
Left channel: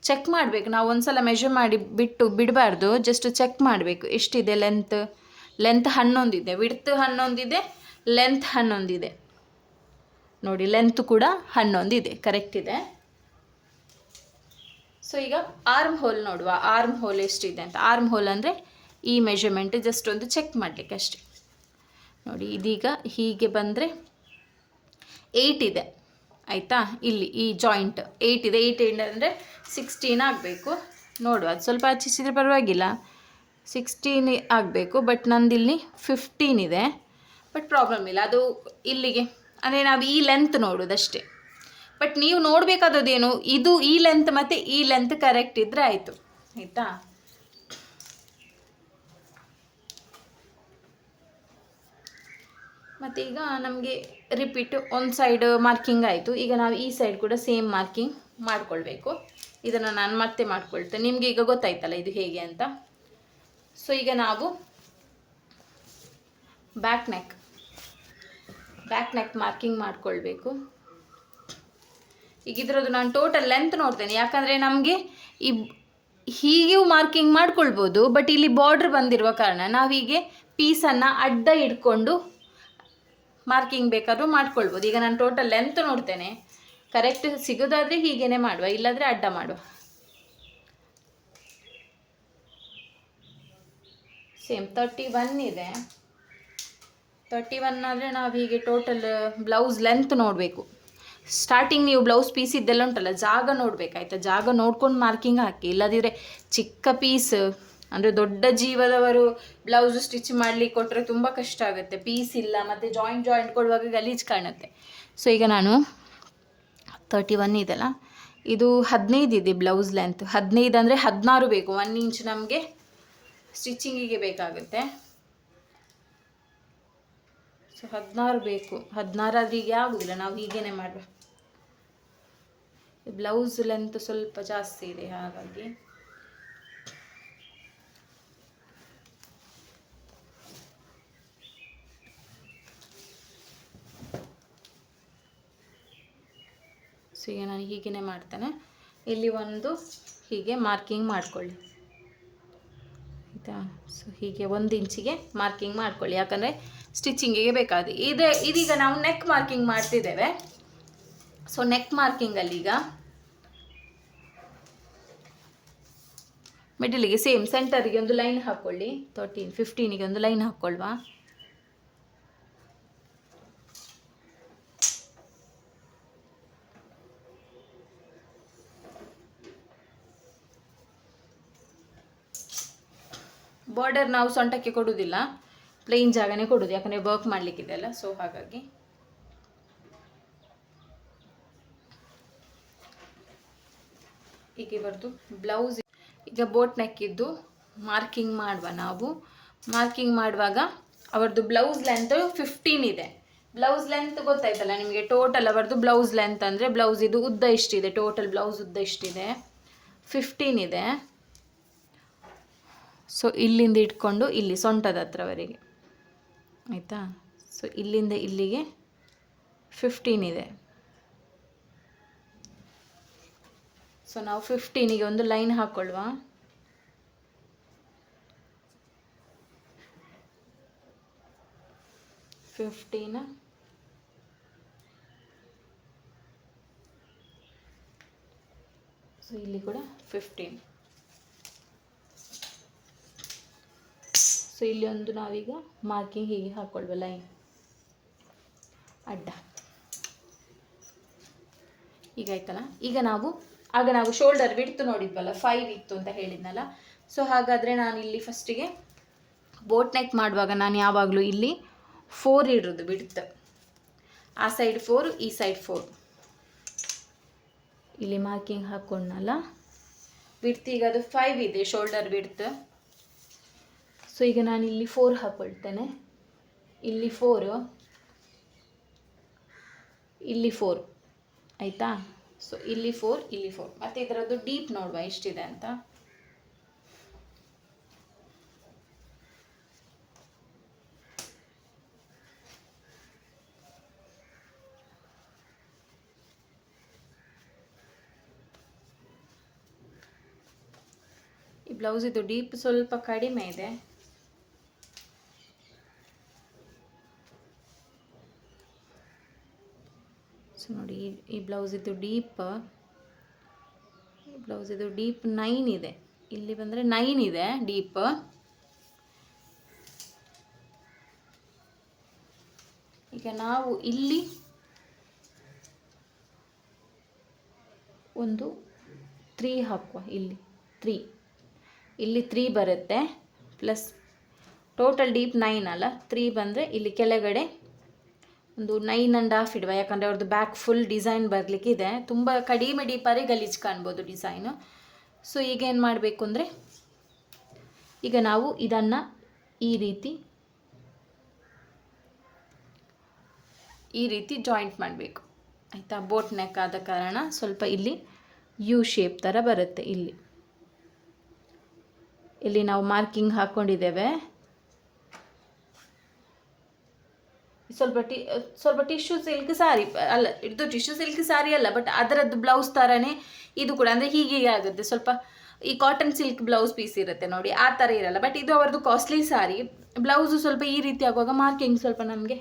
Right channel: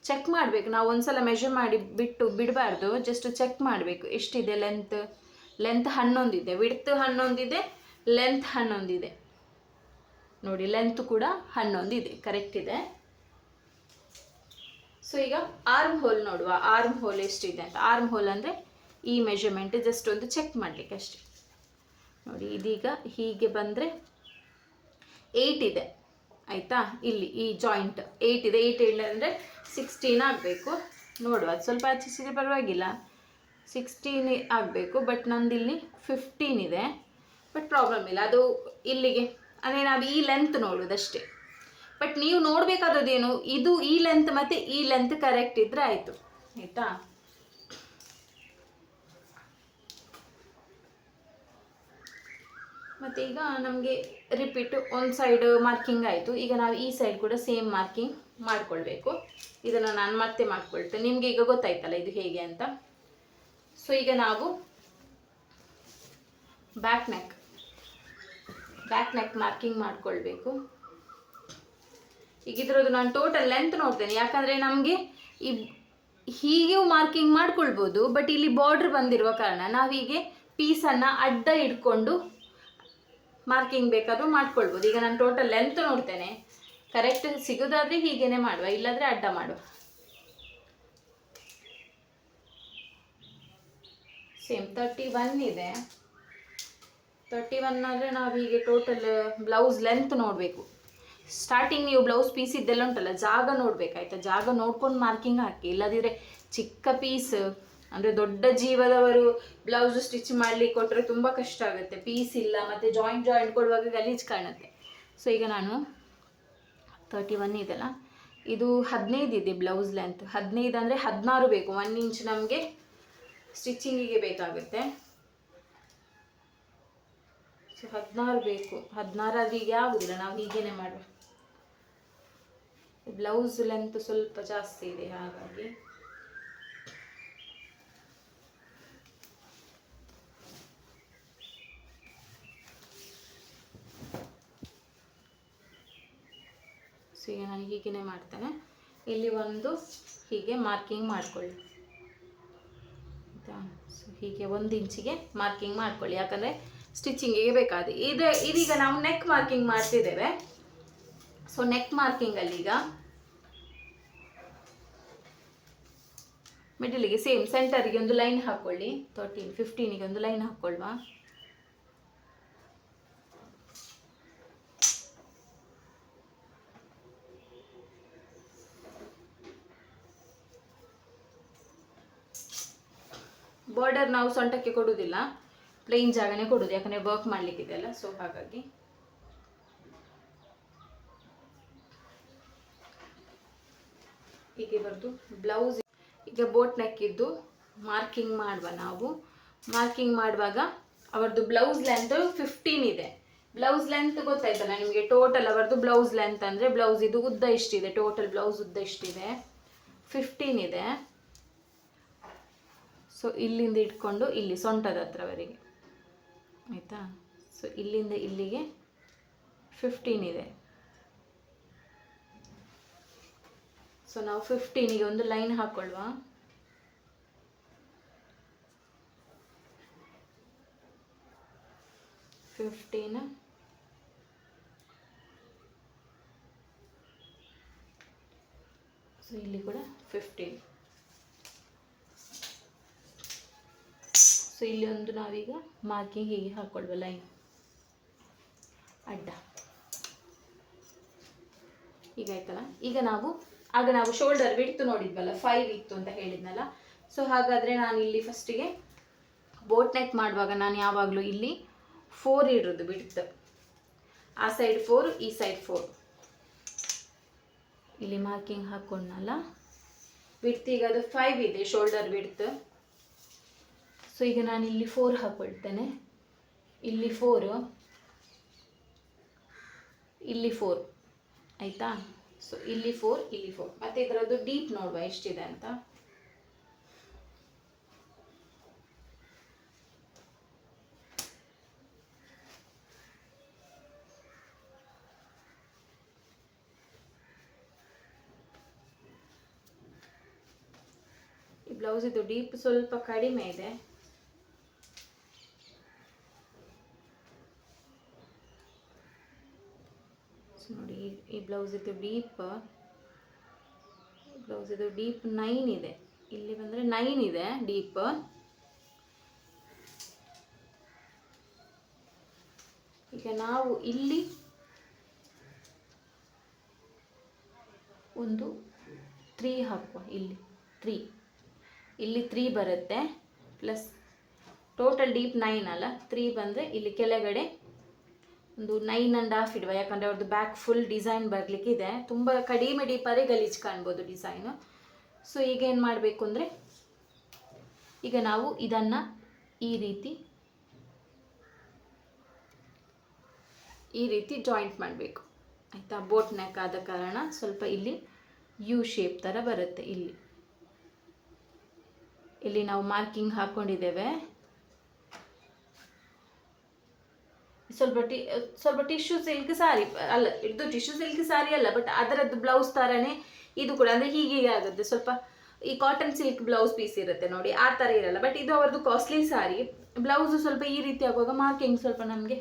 ಚೆಕ್ ಮಾಡಬೇಕು. ನಾವು ಒಂದ್ಸಲ ಮೆಷರ್ ಮಾಡಿ ಬಿಡಬಾರ್ದು, ಜಸ್ಟ್ ಚೆಕ್ ಮಾಡಬೇಕು ಎಷ್ಟಿದೆ ಲೆಂತ್. 11 ಇದೆ, ವಿಡ್ತ್ 11 ಇದೆ, ಲೆಂತ್ 11 ಇದೆ. ನೋಡಿ ಲೆಂತ್ ಕೂಡ 11 ಇದೆ, ಕರೆಕ್ಟ್ ಇದೆ. ಸೊ ಈಗ ಆರ್ಮ್ ಹೋಲ್ ನೋಡುವ, ಆರ್ಮ್ ಹೋಲ್ ಎಷ್ಟಿದೆ ಅಂತ. ಆರ್ಮ್ ಹೋಲ್ ಅಂದರೆ ಈ ಮೆಷರ್ಮೆಂಟ್ ಜಸ್ಟ್ ಒಂದು ಚೆಕ್ ಮಾಡಲಿಕ್ಕೆ ಅಷ್ಟೇ. ನೋಡಿ ಇದೀಗ ಹೀಗೆ ಬಂದರೆ 8 ಇದೆ ಆಯಿತಾ. ಇಲ್ಲಿ ಈ ಜಾಯಿಂಟ್ 8 ಇದೆ. 8 ಅಂದರೆ 16 ಆಗಬೇಕು. ನೋಡುವ, ಅದು ಸ್ವಲ್ಪ ಆಚಿಸಿದ್ರೆ ಪರವಾಗಿಲ್ಲ, 16 ಆಗಬೇಕು. ಬಟ್ ನಂದಿಲ್ಲಿ 15 ಇದೆ. ಬಟ್ ಪ್ರಾಬ್ಲಮ್ ಇಲ್ಲ, ಅದು ಇಲ್ಲಿಗೆ ಅಂದರೆ ನಾವು ಈ ಲೆಂತ್ ನೋಡೋದಷ್ಟೇ. ಬಟ್ ನೀವು ನೋಡಬೇಕಾದದ್ದೇನು, ಇದು ಈ ಲೆಂತ್ ಮತ್ತು ಈ ಲೆಂತ್ ಕರೆಕ್ಟ್ ಇದ್ದರೆ ಆಯಿತು ಆಯಿತಾ. ಮತ್ತು ಈಗ ನಮಗೆ ರಿಪೀಟ್ ಒಂದು ಸೈಡ್ ಮಾರ್ಕಿಂಗ್ ಆಯಿತು. ಈಗ ನಾವು ಈ ಸೈಡ್ ಕೂಡ ಸೇಮ್ ಮಾರ್ಕಿಂಗ್ ಮಾಡಿಕೊಳ್ಬೇಕು. ಇದನ್ನು ನಾನು ಮತ್ತೆ ಮಾಡ್ಕೊಳ್ತೇನೆ, ನಿಮಗೆ ಈಗ ಗೊತ್ತಾಯ್ತಲ್ಲ ಇದು ಹೇಗೆ ಅಂತ. ಸೊ ಈಗ ನಾವು ಬ್ಯಾಕ್ ನೆಕ್ ಮಾರ್ಕಿಂಗ್ ಮಾಡಿಕೊಳ್ಬೇಕು. ಈಗ ಇದರದ್ದು ನಾನು ಟೋಟಲ್ ಲೆಂತ್ ನೋಡ್ತೇನೆ, ಯಾಕಂದರೆ ನಮಗೆ ಈ ಹೀಗೂ ಮಾರ್ಕಿಂಗ್ ಮಾಡ್ಕೊಳ್ಬೋದು. ಬಟ್ ಇಲ್ಲಿ ಬಾರ್ಡ್ರ್ ಬಂದಿರುವ ಕಾರಣ ನಾವು ಹೀಗೆ ಪೀಸನ್ನು ಅಡ್ಡ ಇಟ್ಕೊಂಡು ಮಾರ್ಕಿಂಗ್ ಬೇಕಾದರೂ ಮಾಡ್ಕೊಳ್ಬೋದು. ಈಗ ನಾನು ಟೋಟಲ್ ಲೆಂತ್ ನೋಡ್ತೇನೆ, ಕರೆಕ್ಟ್ ಸಿಗೋದಾದರೆ ಹೀಗೇ ಮಾಡುವ, ಇಲ್ಲಾಂದರೆ ಅಡ್ಡ ಮಾಡುವ. ಸೇಮ್ 31 ಇದೆ. 31 ಆದರೆ ನಾವು ಹೀಗೆ ಟೋಟಲ್ ಬ್ಲೌಸ್ ಲೆಂತ್ ನೋಡಬೇಕು. ಸ್ಟಾರ್ಟಿಂಗ್ ನೀವು ಬ್ಲೌಸ್ ಪೀಸ್ ಇದ್ದೆಲ್ಲ ಉಂಟಲ್ಲ, ಜಾಗ ನೋಡಬೇಕಾಯ್ತಾ, ಜಾಗ ನೋಡ್ಕೊಂಡು ಮಾರ್ಕಿಂಗ್ ಹಾಕಿ. ಇಲ್ಲದಿದ್ದರೆ ಚಿಕ್ಕ ಪೀಸ್ ಅಂದರೆ ದೊಡ್ಡ ಜೀವದವರು ಬ್ಲೌಸು ಸ್ಟಿಚ್ ಮಾಡಲಿಕ್ಕೆ ಕೊಟ್ಟರೆ ತುಂಬ ಕಷ್ಟ ಆಗುತ್ತೆ. ಪೀಸ್ ಇಲ್ಲ, ಮತ್ತು ಜಾಯಿಂಟ್ ಕೊಡುವಾಗ ಗಲೀಜು ಕಾಣುತ್ತೆ. ಸೊ ಈಗ ನಾನು 31 ಇದೆಲ್ಲ, ಇದು 15 ಇದೆ ಬ್ಲೌಸ್ ಲೆಂತ್. 15 ಅಂದರೆ 16 ಬೇಕು, 1 ಇಂಚ್ ನಮಗೆ ಸ್ಟಿಚಿಂಗಿಗೆ ಬೇಕಾಗುತ್ತೆ. ಸೊ 16 ಬೇಕು. 16 ಆದರೆ ಹೀಗೆ ಆಗೋದಿಲ್ಲ, ನಾವು ಹೀಗೇ ಮಾಡುವ. ಬ್ಲೌಸ್ ಲೆಂತ್ ಸ್ವಲ್ಪ ಜಾಸ್ತಿ ಇದೆ, ಹಾಗಾಗಿ ಸೊ ಈಗ ನಾನು ಹೀಗೇ ಮಾಡ್ತೇನೆ. ಇಲ್ಲಿ ಒಂದು ಹೀಗೆ ಮಾರ್ಕಿಂಗ್ ಮಾಡಿಕೊಳ್ಳಿ ಆಯಿತಾ. ಸೊ ಹೀಗೆ 1 ಇಂಚಿಗೆ ಮಾರ್ಕಿಂಗ್ ಮಾಡ್ಕೊಳ್ಳಿ, ಯಾಕಂದರೆ ಸ್ಟಿಚಿಂಗಿಗೆ ಬೇಕಾದ ಇದೀಗ ನಾವು ನೆಕ್ ಮಾರ್ಕಿಂಗ್ ಮಾಡ್ತಿದ್ದೇವೆ. ಸೊ ನೆಕ್ ಮಾರ್ಕಿಂಗಲ್ಲಿ ಈಗ ಮಿಡಲಿಗೆ ಸೇಮ್ ಸೆಂಟರಿಗೆ ಒಂದು ಲೈನ್ ಹಾಕ್ಕೊಳ್ಳಿ. 13, 15ಗೆ ಒಂದು ಲೈನ್ ಹಾಕ್ಕೊಳ್ವಾ. ಬಾರ್ಡರ್ ನಾವು ಸೊಂಟಕ್ಕೆ ಕೊಡುವುದಿಲ್ಲ, ಪ್ಲೇನ್ ಜಾಗನೇ ಕೊಡೋದು, ಯಾಕಂದರೆ ವರ್ಕ್ ಮಾಡಲಿಕ್ಕಿದೆಯಲ್ಲ. ಸೊ ಹಾಗಾಗಿ ಹೀಗೆ ಬರ್ದು ಬ್ಲೌಸ್ ಈಗ ಬೋಟ್ ನೆಕ್ಕಿದ್ದು ಮಾರ್ಕಿಂಗ್ ಮಾಡುವ. ನಾವು ಮಾರ್ಕಿಂಗ್ ಮಾಡುವಾಗ ಅವರದ್ದು ಬ್ಲೌಸ್ ಲೆಂತ್ 15 ಇದೆ. ಬ್ಲೌಸ್ ಲೆಂತ್ ಗೊತ್ತಾಯ್ತಲ್ಲ ನಿಮಗೆ. ಟೋಟಲ್ ಅವರದ್ದು ಬ್ಲೌಸ್ ಲೆಂತ್ ಅಂದರೆ ಬ್ಲೌಸ್ ಇದು ಉದ್ದ ಎಷ್ಟಿದೆ, ಟೋಟಲ್ ಬ್ಲೌಸ್ ಉದ್ದ ಎಷ್ಟಿದೆ, 15 ಇದೆ. ಸೊ ಇಲ್ಲಿಂದ ಇಟ್ಕೊಂಡು ಇಲ್ಲಿ ಸೊಂಟದ ಹತ್ರವರೆಗೆ ಆಯಿತಾ. ಸೊ ಇಲ್ಲಿಂದ ಇಲ್ಲಿಗೆ 15 ಇದೆ. ಸೊ ನಾವು 15ಗೆ ಒಂದು ಲೈನ್ ಹಾಕ್ಕೊಳ್ವಾ. ಸೊ ಇಲ್ಲಿ ಕೂಡ 15. ಸೊ ಇಲ್ಲಿ ಒಂದು ನಾವೀಗ ಮಾರ್ಕಿಂಗ್ ಹೀಗೆ ಹಾಕ್ಕೊಳ್ವ, ಲೈನ್ ಅಡ್ಡ. ಈಗ ಆಯ್ತಲ್ಲ. ಈಗ ಆಗ ನಾವು ಶೋಲ್ಡರ್ ಬಿಡ್ತು ನೋಡಿದ್ವಲ್ಲ, 5 ಇತ್ತು ಅಂತ ಹೇಳಿದ್ನಲ್ಲ. ಸೊ ಹಾಗಾದರೆ ನಾನು ಇಲ್ಲಿ ಫಸ್ಟಿಗೆ ಬೋಟ್ ನೆಕ್ ಮಾಡುವಾಗ ನಾನು ಯಾವಾಗಲೂ ಇಲ್ಲಿ 4 ಇಡೋದು ಬಿಡ್ತು. ಆ ಸೈಡ್ 4, ಈ ಸೈಡ್ 4. ಇಲ್ಲಿ ಮಾರ್ಕಿಂಗ್ ಹಾಕ್ಕೊಂಡಲ್ಲ, ಬಿಡ್ತು. ಈಗ ಅದು 5 ಇದೆ ಶೋಲ್ಡರ್ ಬಿಡ್ತು. ಸೊ ಈಗ ನಾನು ಇಲ್ಲಿ 4 ಹಾಕ್ಕೊಳ್ತೇನೆ. ಇಲ್ಲಿ 4, ಇಲ್ಲಿ 4 ಆಯಿತಾ. ಸೊ ಇಲ್ಲಿ 4, ಇಲ್ಲಿ 4. ಮತ್ತು ಇದರದ್ದು ಡೀಪ್ ನೋಡುವ ಎಷ್ಟಿದೆ ಅಂತ. ಈ ಬ್ಲೌಸ್ ಇದು ಡೀಪ್ ಸ್ವಲ್ಪ ಕಡಿಮೆ ಇದೆ. ಈ ಬ್ಲೌಸ್ ಇದು ಡೀಪ್ 9 ಇದೆ, ಇಲ್ಲಿ ಬಂದರೆ 9 ಇದೆ ಡೀಪ್. ಈಗ ನಾವು ಇಲ್ಲಿ ಒಂದು 3 ಹಾಕುವ, ಇಲ್ಲಿ 3 ಬರುತ್ತೆ, ಪ್ಲಸ್ ಟೋಟಲ್ ಡೀಪ್ 9 ಅಲ್ಲ, 3 ಬಂದರೆ ಇಲ್ಲಿ ಕೆಳಗಡೆ ಒಂದು 9.5 ಇಡುವ. ಯಾಕಂದರೆ ಅವ್ರದ್ದು ಬ್ಯಾಕ್ ಫುಲ್ ಡಿಸೈನ್ ಬರಲಿಕ್ಕಿದೆ, ತುಂಬ ಕಡಿಮೆ ಡೀಪಾರೆ ಗಲೀಜು ಕಾಣ್ಬೋದು ಡಿಸೈನು. ಸೊ ಈಗ ಏನು ಮಾಡಬೇಕು ಅಂದರೆ, ಈಗ ನಾವು ಇದನ್ನು ಈ ರೀತಿ ಜಾಯಿಂಟ್ ಮಾಡಬೇಕು, ಆಯಿತಾ. ಬೋಟ್ ನೆಕ್ ಆದ ಕಾರಣ ಸ್ವಲ್ಪ ಇಲ್ಲಿ ಯು ಶೇಪ್ ಥರ ಬರುತ್ತೆ. ಇಲ್ಲಿ ನಾವು ಮಾರ್ಕಿಂಗ್ ಹಾಕ್ಕೊಂಡಿದ್ದೇವೆ. ಸ್ವಲ್ಪ ಟಿಶ್ಯೂ ಸಿಲ್ಕ್ ಸಾರಿ ಅಲ್ಲ, ಇದು ಟಿಶ್ಯೂ ಸಿಲ್ಕ್ ಸಾರಿ ಅಲ್ಲ, ಬಟ್ ಅದರದ್ದು ಬ್ಲೌಸ್ ಥರನೇ ಇದು ಕೂಡ. ಅಂದರೆ ಹೀಗೆ ಆಗುತ್ತೆ, ಸ್ವಲ್ಪ ಈ ಕಾಟನ್ ಸಿಲ್ಕ್ ಬ್ಲೌಸ್ ಪೀಸ್ ಇರುತ್ತೆ ನೋಡಿ, ಆ ಥರ ಇರಲ್ಲ. ಬಟ್ ಇದು ಅವರದ್ದು ಕಾಸ್ಟ್ಲಿ ಸಾರಿ. ಬ್ಲೌಸು ಸ್ವಲ್ಪ ಈ ರೀತಿ ಆಗುವಾಗ ಮಾರ್ಕಿಂಗ್ ಸ್ವಲ್ಪ ನಮಗೆ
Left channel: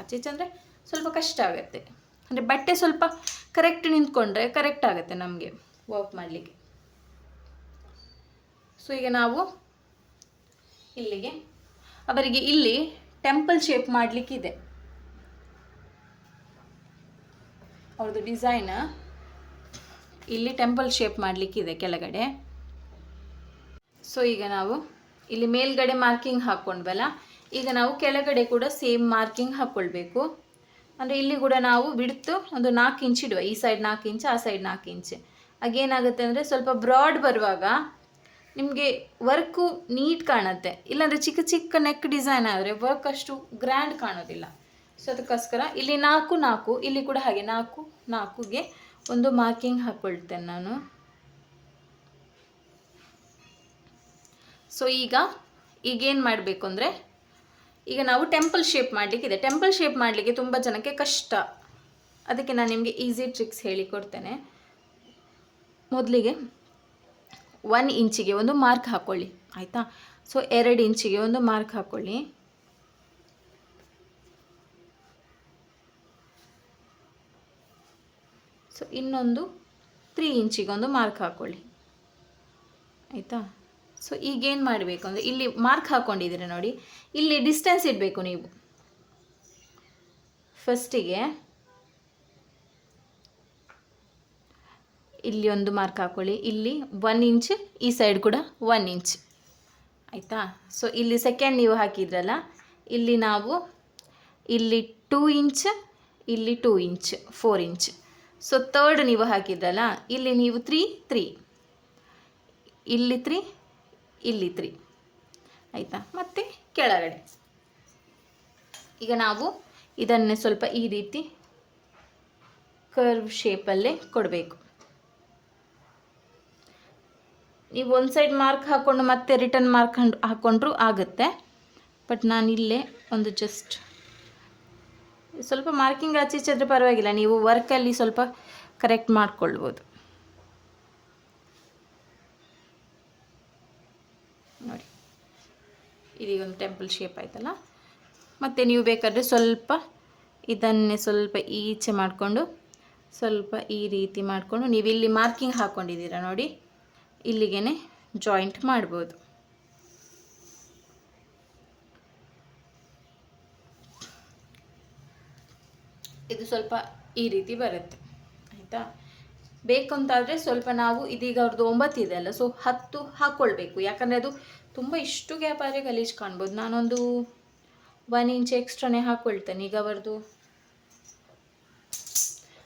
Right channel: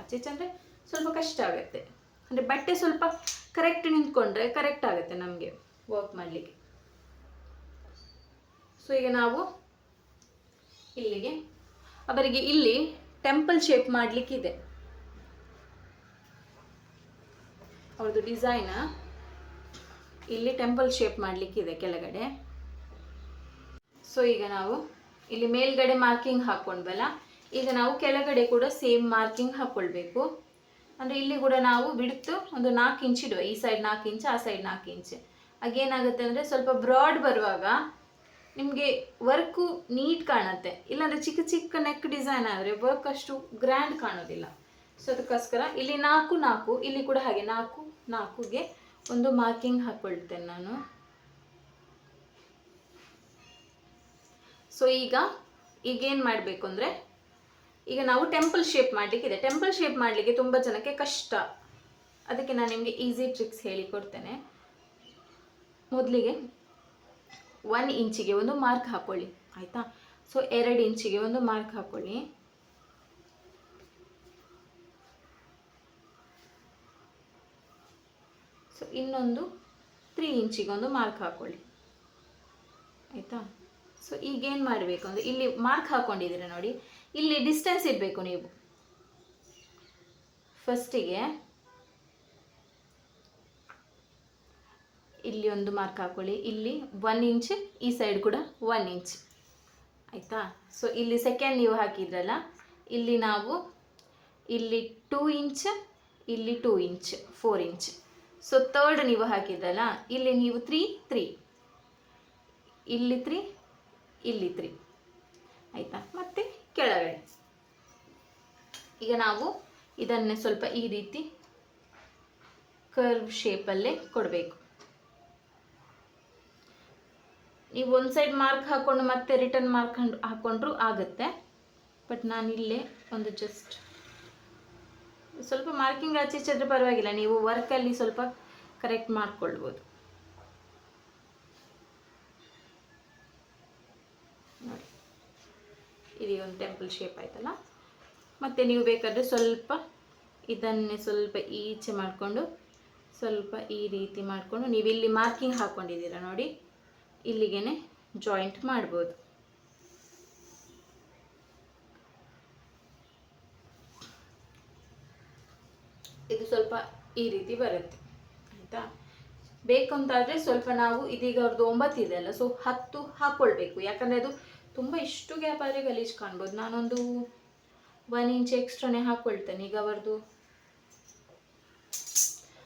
ಆಚೆ ಅಂದರೆ ಸ್ವಲ್ಪ ಕಷ್ಟ ಆಗುತ್ತೆ. ಅಂದರೆ ಬಟ್ಟೆ ಸ್ವಲ್ಪ ಕರೆಕ್ಟ್ ನಿಂತ್ಕೊಂಡ್ರೆ ಕರೆಕ್ಟ್ ಆಗುತ್ತೆ ನಮಗೆ ವರ್ಕ್ ಮಾಡಲಿಕ್ಕೆ. ಸೊ ಈಗ ನಾವು ಇಲ್ಲಿಗೆ ಅವರಿಗೆ ಇಲ್ಲಿ ಟೆಂಪಲ್ ಶೇಪ್ ಮಾಡಲಿಕ್ಕಿದೆ, ಅವ್ರದ್ದು ಡಿಸೈನ್ ಇಲ್ಲಿ ಟೆಂಪಲ್ ಶೇಪ್ ಮಾಡಲಿಕ್ಕಿದೆ ಕೆಳಗಡೆ. ಸೊ ಈಗ ನಾವು ಇಲ್ಲಿ ಮೇಲ್ಗಡೆ ಮಾರ್ಕಿಂಗ್ ಹಾಕ್ಕೊಂಡ್ವಲ್ಲ, ಈಗ ನಾವು ಕೆಳಗಡೆ ಕೂಡ ಸೇಮ್ ಮಾರ್ಕಿಂಗ್ ಹಾಕ್ಕೊಳ್ಬೇಕು. ಅಂದರೆ ಇಲ್ಲಿ ಕೂಡ ನಾವು ಬಿಡ್ತು ಒಂದು 4 ಇಂಚ್ ಇಡುವ, ಈ ಸೈಡ್ 4 ಇಂಚ್, ಆ ಸೈಡ್ 4 ಇಂಚ್. ಆಗೇನಾಗುತ್ತೆ ಅಂದರೆ ಸ್ವಲ್ಪ ಬ್ರಾಡ್ ಬರುವಾಗ ನಿಮಗೆ ವರ್ಕು ನೀಟ್ ಕಾಣುತ್ತೆ. ಇಲ್ಲಾಂದರೆ ಚಿಕ್ಕ ಚಿಕ್ಕ ನೆಕ್ ಡಿಸೈನ್ ಆದರೆ ವರ್ಕ್ ಅಷ್ಟು ಗ್ರ್ಯಾಂಡ್ ಕಾಣೋದಿಲ್ಲ. ಸೊ ಅದಕ್ಕೋಸ್ಕರ ಇಲ್ಲಿ 4 ಇಲ್ಲಿ ಕೂಡ ಹಾಗೆ 4ಗೆ ಒಂದು ಮಾರ್ಕಿಂಗ್ ಹಾಕ್ಕೊಳ್ತೇನೆ ನಾನು. ಸೊ ಈಗೇನು ಮಾಡಬೇಕು ಅಂದರೆ, ಈಗ ನಾವು ಟೆಂಪಲ್ ಶೇಪ್ ಮಾಡಲಿಕ್ಕಿದೆ. ಟೆಂಪಲ್ ಶೇಪ್ ಮಾಡಲಿಕ್ಕೆ ತುಂಬ ಜನಕ್ಕೆ ಕಷ್ಟ, ಅದಕ್ಕೆ ನಾನು ನಿಮಗೆ ಈಸಿ ಟ್ರಿಕ್ಸ್ ಹೇಳಿಕೊಡ್ತೇನೆ. ಮೊದಲಿಗೆ 1 ಇಂಚಿಗೆ ಒಂದು ಮಾರ್ಕ್ ಹಾಕ್ಕೊಳ್ಳಿ, ಆಯಿತಾ. ಸೊ 2 ಇಂಚಿಗೆ ಒಂದು ಮಾರ್ಕ್ ಹಾಕ್ಕೊಳ್ಳಿ. ಸೊ ಇನ್ನೊಂದು 3 ಇಂಚಿಗೆ ಒಂದು ಮಾರ್ಕ್ ಹಾಕ್ಕೊಳ್ಳಿ, ಆಯಿತಾ. ಸೊ ಈಗೇನು ಮಾಡಬೇಕು ಅಂದರೆ, ಇಲ್ಲಿ ಮಾರ್ಕ್ ಹಾಕ್ಕೊಂಡಿದ್ದೀರ ನೋಡಿ, ಇಲ್ಲಿ ಡಿಸ್ಟೆನ್ಸ್ ಇಡಬೇಕು ನೀವು. ಫಸ್ಟಿಗೆ ಇಲ್ಲಿ ಒಂದು ಮಾರ್ಕ್ ಹಾಕ್ಕೊಳ್ಳಿ, ಇಲ್ಲಿ 1 ಇಂಚ್, ಈ ಸೈಡ್ ಕೂಡ 1 ಇಂಚ್, ಆಯಿತಾ. ಸೊ ಇಲ್ಲಿ ಸೆಕೆಂಡ್ ನೀವು ಹಾಕಿದ್ರಲ್ಲ, ಇಲ್ಲಿ ನಾವು ಇಲ್ಲಿ 2 ಇಂಚ್, ಇಲ್ಲಿ 2 ಇಂಚ್, 4 ಇಂಚ್. ಸೊ ಥರ್ಡ್ ನೀವು ಹಾಕಿದ್ರಲ್ಲ, ಇಲ್ಲಿ ನೀವು 3, ಇಲ್ಲಿ 3, ಇಲ್ಲಿ 3, ಆಯಿತಾ. ಮತ್ತು ಕೆಳಗಡೆ ಈಗ ನಾವು ಇದನ್ನೇ ಸ್ವಲ್ಪ ಈ ರೀತಿ ಕರ್ವ್ ಶೇಪಲ್ಲೇ ಕೊಡಬೇಕು. ನೀವು ಒಂದು ಸೈಡ್ ಮಾರ್ಕ್ ಹಾಕ್ಕೊಂಡು ಮತ್ತೆ ರಿಟರ್ನ್ ಮಾರ್ಕ್ ಹಾಕ್ಕೊಂಡ್ರೂ ಆಗುತ್ತೆ. ಬಟ್ ನಾನಿಲ್ಲೇ ಒಂದು ಜಸ್ಟ್ ಸ್ವಲ್ಪ ಮಾರ್ಕಿಂಗ್ ಆಚೆ ಈಚೆ ಆದರೆ ಪರವಾಗಿಲ್ಲ, ನೀವು ವರ್ಕಲ್ಲಿ ಸ್ವಲ್ಪ ಕರೆಕ್ಟ್ ಮಾಡಿಕೊಳ್ಬೋದು ನೋಡಿ. ಇದೀಗ ಒಂದು ಟೆಂಪಲ್ ಶೇಪ್ ಆಯ್ತಲ್ಲ. ಮತ್ತು ನೀವು ಬೇಕಾದರೆ ಸ್ವಲ್ಪ ಇದನ್ನೇ ಸ್ವಲ್ಪ ಈಚೆ ಮಾಡಿಕೊಂಡು ಸ್ವಲ್ಪ ಈ ರೀತಿ ಮಾಡಿಕೊಂಡು ನೀವು ಇಲ್ಲಿ ಮಾರ್ಕಿಂಗ್ ಹಾಕ್ಕೊಂಡಿದ್ದೀರಾ ನೋಡಿ, ಇಲ್ಲಿಗೆ ಜಾಯಿಂಟ್ ಮಾಡ್ಬೋದು. ಇದು ಸ್ವಲ್ಪ ಈ ರೀತಿ ಬರುತ್ತೆ, ಆಯಿತಾ. ಬೇಕು ಅಂತಾದರೆ ಸ್ವಲ್ಪ ನಾವು ಇದೀಗ ಅವ್ರದ್ದು 9 ಇದೆ ಅಲ್ಲ, ಸೊ 10 ಹಾಕ್ಕೊಳ್ಬೇಕು. ಯಾಕಂದರೆ ಅದು ತುಂಬ ಇಷ್ಟು ಗ್ಯಾಪ್ ಆದರೆ ಗಲೀಜು ಕಾಣ್ಬೋದು. ನಾನೊಂದು 1 ಇಂಚ್ ಎಕ್ಸ್ಟ್ರಾನೇ ಹಾಕ್ಕೊಳ್ತೇನೆ. ಈಗ ಅವ್ರದ್ದು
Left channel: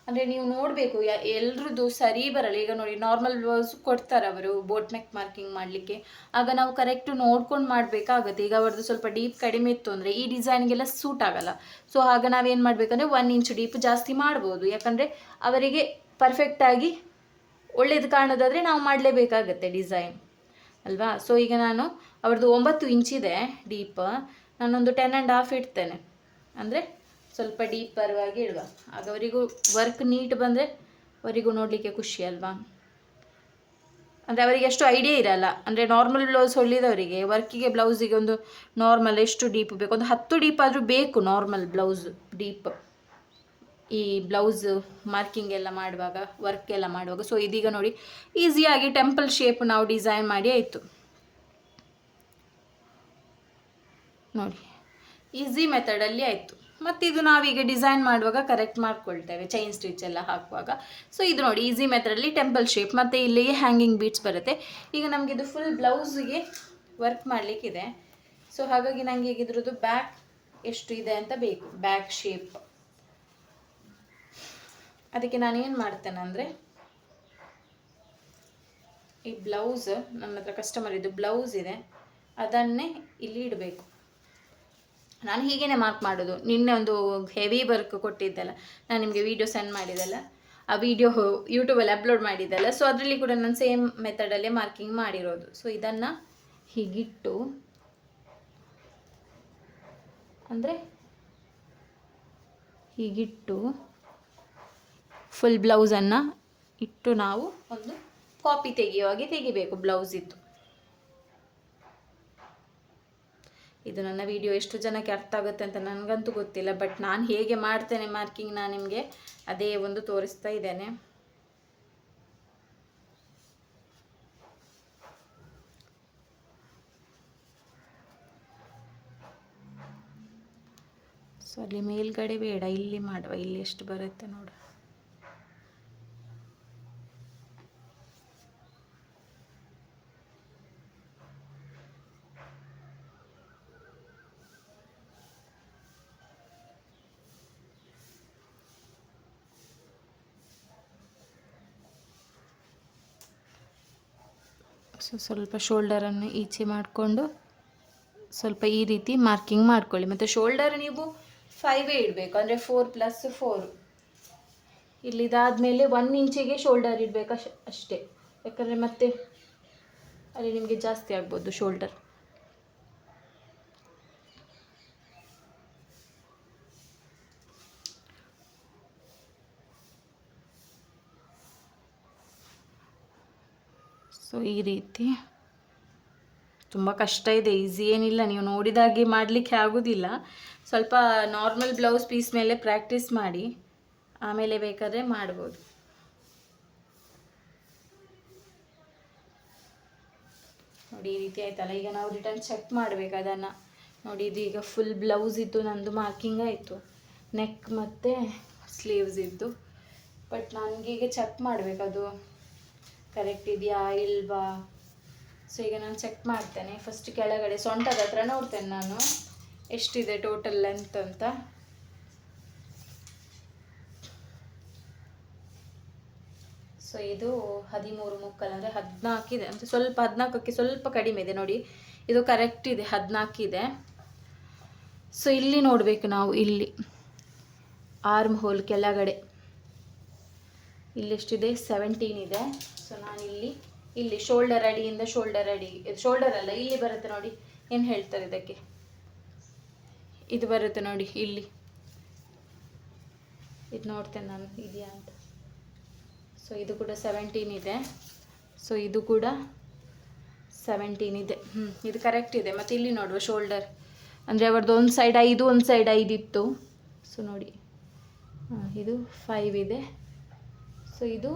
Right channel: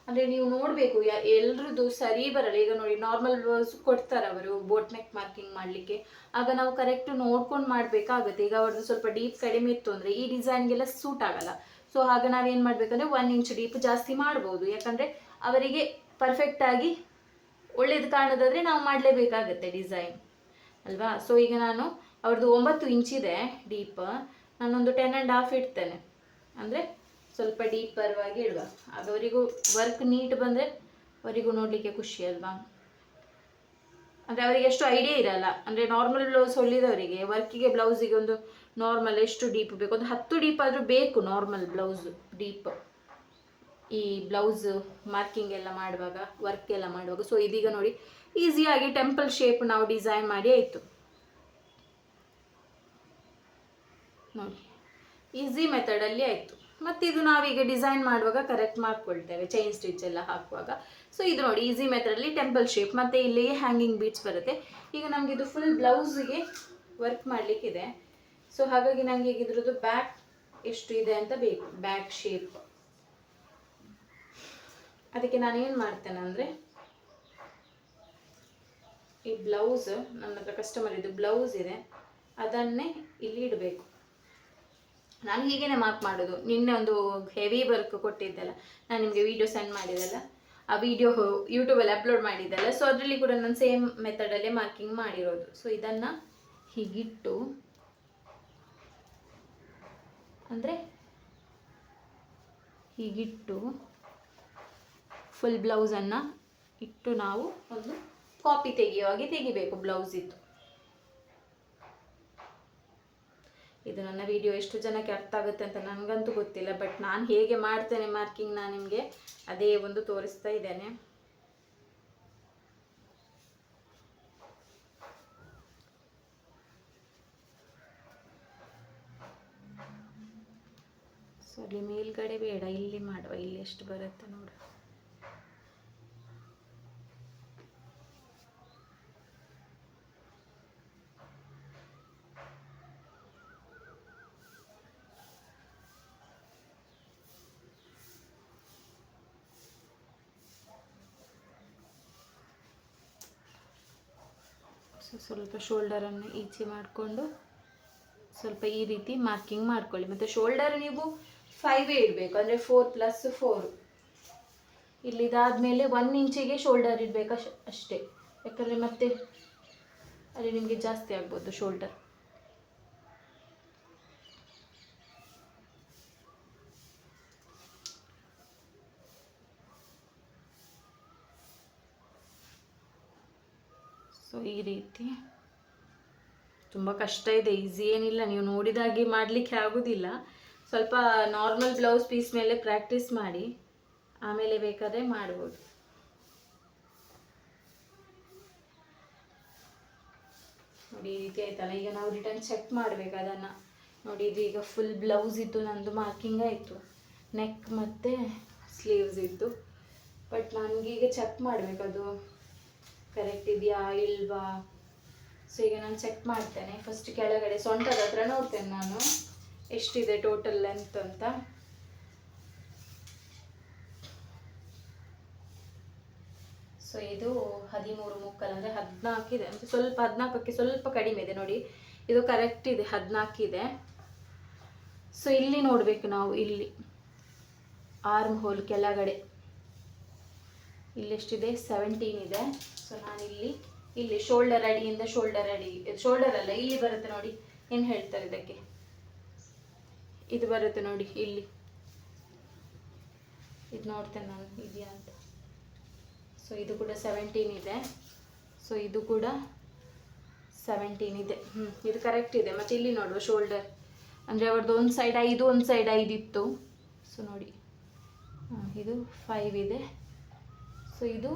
ಅಂದರೆ ನೀವು ನೋಡಬೇಕು, ಎಲ್ರದ್ದು ಸರಿ ಬರಲ್ಲ. ಈಗ ನೋಡಿ, ನಾರ್ಮಲ್ ಬ್ಲೌಸ್ ಕೊಡ್ತಾರೆ ಅವರು ಬೋಟ್ ನೆಕ್ ಮಾರ್ಕಿಂಗ್ ಮಾಡಲಿಕ್ಕೆ, ಆಗ ನಾವು ಕರೆಕ್ಟ್ ನೋಡ್ಕೊಂಡು ಮಾಡಬೇಕಾಗುತ್ತೆ. ಈಗ ಅವ್ರದ್ದು ಸ್ವಲ್ಪ ಡೀಪ್ ಕಡಿಮೆ ಇತ್ತು ಅಂದರೆ ಈ ಡಿಸೈನ್ಗೆಲ್ಲ ಸೂಟ್ ಆಗಲ್ಲ. ಸೊ ಆಗ ನಾವೇನು ಮಾಡಬೇಕಂದ್ರೆ 1 ಇಂಚ್ ಡೀಪ್ ಜಾಸ್ತಿ ಮಾಡ್ಬೋದು. ಯಾಕಂದರೆ ಅವರಿಗೆ ಪರ್ಫೆಕ್ಟಾಗಿ ಒಳ್ಳೇದು ಕಾಣೋದಾದರೆ ನಾವು ಮಾಡಲೇಬೇಕಾಗತ್ತೆ ಡಿಸೈನ್ ಅಲ್ವಾ. ಸೊ ಈಗ ನಾನು ಅವ್ರದ್ದು 9 ಇಂಚಿದೆ ಡೀಪ್, ನಾನೊಂದು 10.5 ಇಡ್ತೇನೆ. ಅಂದರೆ ಸ್ವಲ್ಪ ಡೀಪ್ ಪರವಾಗಿ ಇಡುವ, ಆಗ ಅವರಿಗೂ ವರ್ಕ್ ನೀಟ್ ಬಂದರೆ ಅವರಿಗೂ ನೋಡಲಿಕ್ಕೆ ಖುಷಿ ಅಲ್ವಾ. ಅಂದರೆ ಅವರಿಗೆ ಅಷ್ಟು ಐಡಿಯಾ ಇರಲ್ಲ. ಅಂದರೆ ನಾರ್ಮಲ್ ಬ್ಲೌಸ್ ಹೊಲಿದವರಿಗೆ ವರ್ಕಿಗೆ ಬ್ಲೌಸಿಗೆ ಒಂದು ನಾರ್ಮಲ್ ಎಷ್ಟು ಡೀಪ್ ಬೇಕು, ಒಂದು 10 ಡೀಪ್ ಆದರೂ ಬೇಕು ನಾರ್ಮಲ್ ಬ್ಲೌಸ್ ಡೀಪ್. ಈ ಬ್ಲೌಸ್ ಮಾರ್ಕಿಂಗ್ ಎಲ್ಲ ಮಾಡುವಾಗ, ವರ್ಕ್ ಎಲ್ಲ ಮಾಡುವಾಗ. ಸೊ ಇದೀಗ ನೋಡಿ ಈಸಿಯಾಗಿ ಟೆಂಪಲ್ ಶೇಪ್ ನಾವು ಡಿಸೈನ್ ಮಾಡಿ ಆಯಿತು ನೋಡಿ, ಈಸಿ ಮೆಥಡಲ್ಲಿ ಆಯಿತು. ಮತ್ತು ಇದು ನಾವೀಗ ಡಿಸೈನ್ ಮಾಡುವಾಗ ಕರೆಕ್ಟ್ ಮಾಡ್ಕೊಳ್ತೇವೆ, ಚೈನ್ ಸ್ಟಿಚ್ ಎಲ್ಲ ಹಾಕುವಾಗ. ಸೊ ಇದು ನೋಡಿ ಈಸಿ ಮೆಥಡಲ್ಲಿ ಟೆಂಪಲ್ ಶೇಪ್, ಮತ್ತು ಇಲ್ಲಿ ಹ್ಯಾಂಗಿಂಗ್ ಬೀಟ್ಸ್ ಬರುತ್ತೆ. ಈಗ ನಮಗೆ ಇದು ಫುಲ್ ಬ್ಲೌಸಿಗೆ ವರ್ಕ್ ಮಾಡಲಿಕ್ಕಿದೆ. ಸೊ ಹಾಗಾಗಿ ನನಗೆ ಈಗ ಇದ್ರದ್ದು ಬ್ಯಾಕ್ ಎಷ್ಟು ಇದೆ ಅಂತ ಬೇಕು, ಬ್ಯಾಕ್ ಶೇಪ್. ಅದಕ್ಕೆ ನಾನು ಏನು ಮಾಡ್ತೇನೆ ಅಂದರೆ, ಈ ಬ್ಲೌಸ್ ನನ್ನ ಹತ್ರ ಕಸ್ಟಮರ್ ಇದು ಬ್ಲೌಸ್ ಇದೆ, ಅದನ್ನೇ ಇಲ್ಲಿ ಇಡಬೇಕು. ನಾನು ಹೀಗೇ ಮಾರ್ಕ್ ಮಾಡೋದು. ನಿನ್ನೆ ಒಂದು ಹೆವಿ ವರ್ಕ್ ಕೊಟ್ಟಿದ್ದೆಲ್ಲ, ನಾನು ನಿಮಗೆ ವಿಡಿಯೋ ಸೆಂಡ್ ಮಾಡಿದ್ದೆಲ್ಲ, ಆ ವಿಡಿಯೋ ಯೂಟ್ಯೂಬಲ್ಲಿ ಅಪ್ಲೋಡ್ ಮಾಡಿದ್ದೆಲ್ಲ. ಸೊ ಅದರಲ್ಲಿ ಕೂಡ ನಾನು ಸೇಮ್ ಮೆಥಡಲ್ಲೇ ಮಾರ್ಕಿಂಗ್ ಮಾಡಿರೋದು. ಸೊ ಇದನ್ನು ಹೀಗಿಟ್ಟು, ಅಂದರೆ ಹೀಗಿಟ್ಟು ಫುಲ್ ಬ್ಲೌಸನ್ನು ಇಟ್ಟು ನಾವು ಒಂದು ಕಾಪಿ ತೆಗೆಯುವಾಗೆ ತೆಗಿಬೇಕು ಬ್ಲೌಸಿದ್ದು. ಇದು ನನ್ನ ವಿಡಿಯೋ ಎಷ್ಟು ಜನಕ್ಕೆ ಅರ್ಥ ಆಗುತ್ತೆ ಅಂತ ನನಗಂತೂ ಗೊತ್ತಿಲ್ಲ, ಬಟ್ ನಾನು ಹೇಗೆ ಮಾಡ್ತೇನೆ ಮಾರ್ಕಿಂಗ್, ನಾನು ನಿಮಗೆ ಅದೇ ಒಂದು ತೋರಿಸ್ತಾ ಇದ್ದೇನೆ. ಸೊ ಅಲ್ಲಿ ಮೇಲ್ಗಡೆ ಬೇಡ, ಇಲ್ಲಿ ಮಾಡುವ, ಇಲ್ಲಿ ಎಷ್ಟು ಬರುತ್ತೆ ನೋಡು. ಸೊ ಸ್ವಲ್ಪ ಶೋಲ್ಡರನ್ನು ಈಚೆ ಮಾಡಿಕೊಂಡು ಸ್ವಲ್ಪ ಈ ರೀತಿ ಮಾರ್ಕಿಂಗ್ ಮಾಡ್ಕೊಳ್ಳಿ. ಮತ್ತು ಶೋಲ್ಡರ್ ನೀವು 5 ಇಡಬೇಕು, ಅಂದರೆ 4+4. ಇಲ್ಲಿದಾದಮೇಲೆ 1 ಇಂಚಿಗೆ ಶೋಲ್ಡರ್ ಇಡಬೇಕು ಅಷ್ಟೇ, ಯಾಕಂದರೆ ಮತ್ತೆ ಅಲ್ಲಿ ನಿಮಗೆ ಜಾಸ್ತಿ ಆಗ್ಬೋದು ಶೋಲ್ಡರ್. ಸೊ ಈ ರೀತಿ ತುಂಬ ಕಷ್ಟ ಇದೆ, ಈಸಿ ಏನಿಲ್ಲ. ನೀವು ನೋಡಿದಾಗೆ ಮಾಡಲಿಕ್ಕೆ ಆಗೋದಿಲ್ಲ. ಸ್ವಲ್ಪ ನಾರ್ಮಲ್ ಬ್ಲೌಸ್ ಪೀಸ್ ಮೇಲೆ ಪ್ರಾಕ್ಟೀಸ್ ಮಾಡಿ, ಆಮೇಲೆ ಬೇಕಾದರೆ ಮಾಡ್ಬೋದು. ನೋಡಿ ಈ ರೀತಿ ಆಯ್ತಲ್ಲ. ಈಗ ನಾವು ರಿಟರ್ನ್ ಚೆಕ್ ಮಾಡಬೇಕು ಅದನ್ನು. ನೋಡಿ ಇದು ಈಗ ಫುಲ್ ಬ್ಲೌಸ್ ಇದ್ದು ನಂದು ಮಾರ್ಕಿಂಗ್ ಆಯಿತು, ನೆಕ್ ಮತ್ತು ಸ್ಲೀವ್ಸ್ ಇದ್ದು. ಬಟ್ ನನಗೀಗ ಚೆಕ್ ಮಾಡಬೇಕು ಅದು ಕರೆಕ್ಟ್ ಇದೆಯಾ ಇಲ್ವಾ. ಸೊ ಈಗ ನಾನು ಚೆಕ್ ಮಾಡ್ತೇನೆ. ಫಸ್ಟ್ ಕೆಳಗಡೆ ಸೊಂಟದ ಹತ್ರ ನೋಡ್ತೇನೆ ನಾನು ಎಷ್ಟಿದೆ ಟೋಟಲ್ ಲೆಂತ್ ಅಂತ. ಸೊ ಇದು 13 ಮುಕ್ಕಾಲು, ಅಂದರೆ 14 ಇದೆ, ಅಂದರೆ ಸ್ವಲ್ಪ 14ಕ್ಕೆ ಸ್ವಲ್ಪ ಕಡಿಮೆ ಇದೆ ನೋಡಿ. ಇದು ಕರೆಕ್ಟ್ ಇದೆ, 14 ಇದೆ. ಸೊ ಇಲ್ಲಿ ನೋಡಬೇಕು ನಾವು, ಇಲ್ಲಿ ಆರ್ಮ್ ಹೋಲ್ ಕೆಳಗಡೆ ಇಲ್ಲೆಷ್ಟಿದೆ, 17 ಇದೆ. ಸೊ ನಾನು ಇಲ್ಲಿ ಶೋಲ್ಡರ್ ಅಡಿಯಿಂದ ಶೋಲ್ಡರ್ ಅಡಿ, ಶೋಲ್ಡರ್ ಅಲ್ಲ, ಇಲ್ಲಿ ಬರುತ್ತೆ ನೋಡಿ, ಏನು ಹೇಳ್ತಾರೆ ಇದಕ್ಕೆ, ಇದು ಬರುತ್ತೆ ನೋಡಿ, ಇಲ್ಲಿ ಇದು ನೋಡ್ತೇನೆ ನಾನು ಇದೆಯಾ ಅಂತ. ಸೊ ಇದು ಕೂಡ 17 ಇದೆ. ಸೊ ಇದು ಕೂಡ 17 ಇದೆ. ಇದು ಕರೆಕ್ಟ್ ಇದೆ. ಮತ್ತು ಇಲ್ಲಿ ನೋಡುವ ಶೋಲ್ಡರ್, ಅಂದರೆ ಅವರದ್ದು ಒಂದು ಸೈಡ್ 5 ಒಂದು ಸೈಡ್ 5 ಇತ್ತು. ಸೊ ನೋಡಿ ಇದು 5 ಇದೆ. ಸೊ ಇದು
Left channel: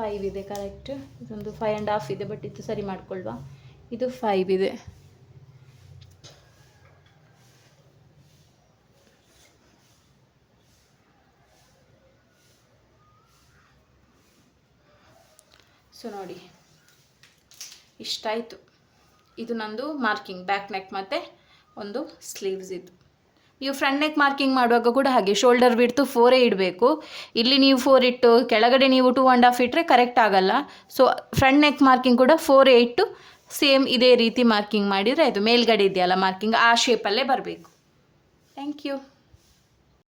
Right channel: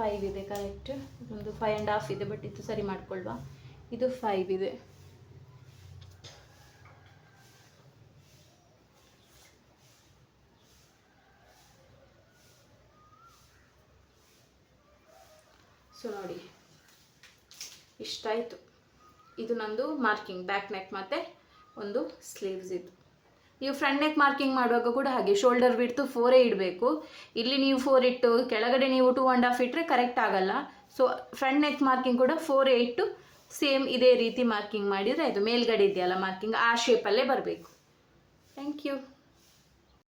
5 ಇದೆ ಕರೆಕ್ಟ್. ಇದೊಂದು 5.5 ಇದೆ, ಬಟ್ ಇದು ಸರಿ ಮಾಡ್ಕೊಳ್ವಾ. ಇದು 5 ಇದೆ. ಸೊ ನೋಡಿ ಇಷ್ಟಾಯಿತು. ಇದು ನಂದು ಮಾರ್ಕಿಂಗ್, ಬ್ಯಾಕ್ ನೆಕ್ ಮತ್ತು ಒಂದು ಸ್ಲೀವ್ಸ್ ಇದು. ನೀವು ಫ್ರಂಟ್ ನೆಕ್ ಮಾರ್ಕಿಂಗ್ ಮಾಡುವಾಗ ಕೂಡ ಹಾಗೆ ಶೋಲ್ಡರ್ ಬಿಡ್ತು 4 ಇಡಬೇಕು. ಇಲ್ಲಿ ನೀವು 4 ಇಟ್ಟು ಕೆಳಗಡೆ ನೀವು 2.5 ಇಟ್ಟರೆ ಕರೆಕ್ಟ್ ಆಗಲ್ಲ. ಸೊ ಫ್ರಂಟ್ ನೆಕ್ ಮಾರ್ಕಿಂಗ್ ಕೂಡ 4 ಇಟ್ಟು ಸೇಮ್ ಇದೇ ರೀತಿ ಮಾರ್ಕಿಂಗ್ ಮಾಡಿದರೆ ಆಯಿತು. ಮೇಲ್ಗಡೆ ಇದೆಯಲ್ಲ ಮಾರ್ಕಿಂಗ್, ಆ ಶೇಪಲ್ಲೇ ಬರಬೇಕು. Thank you.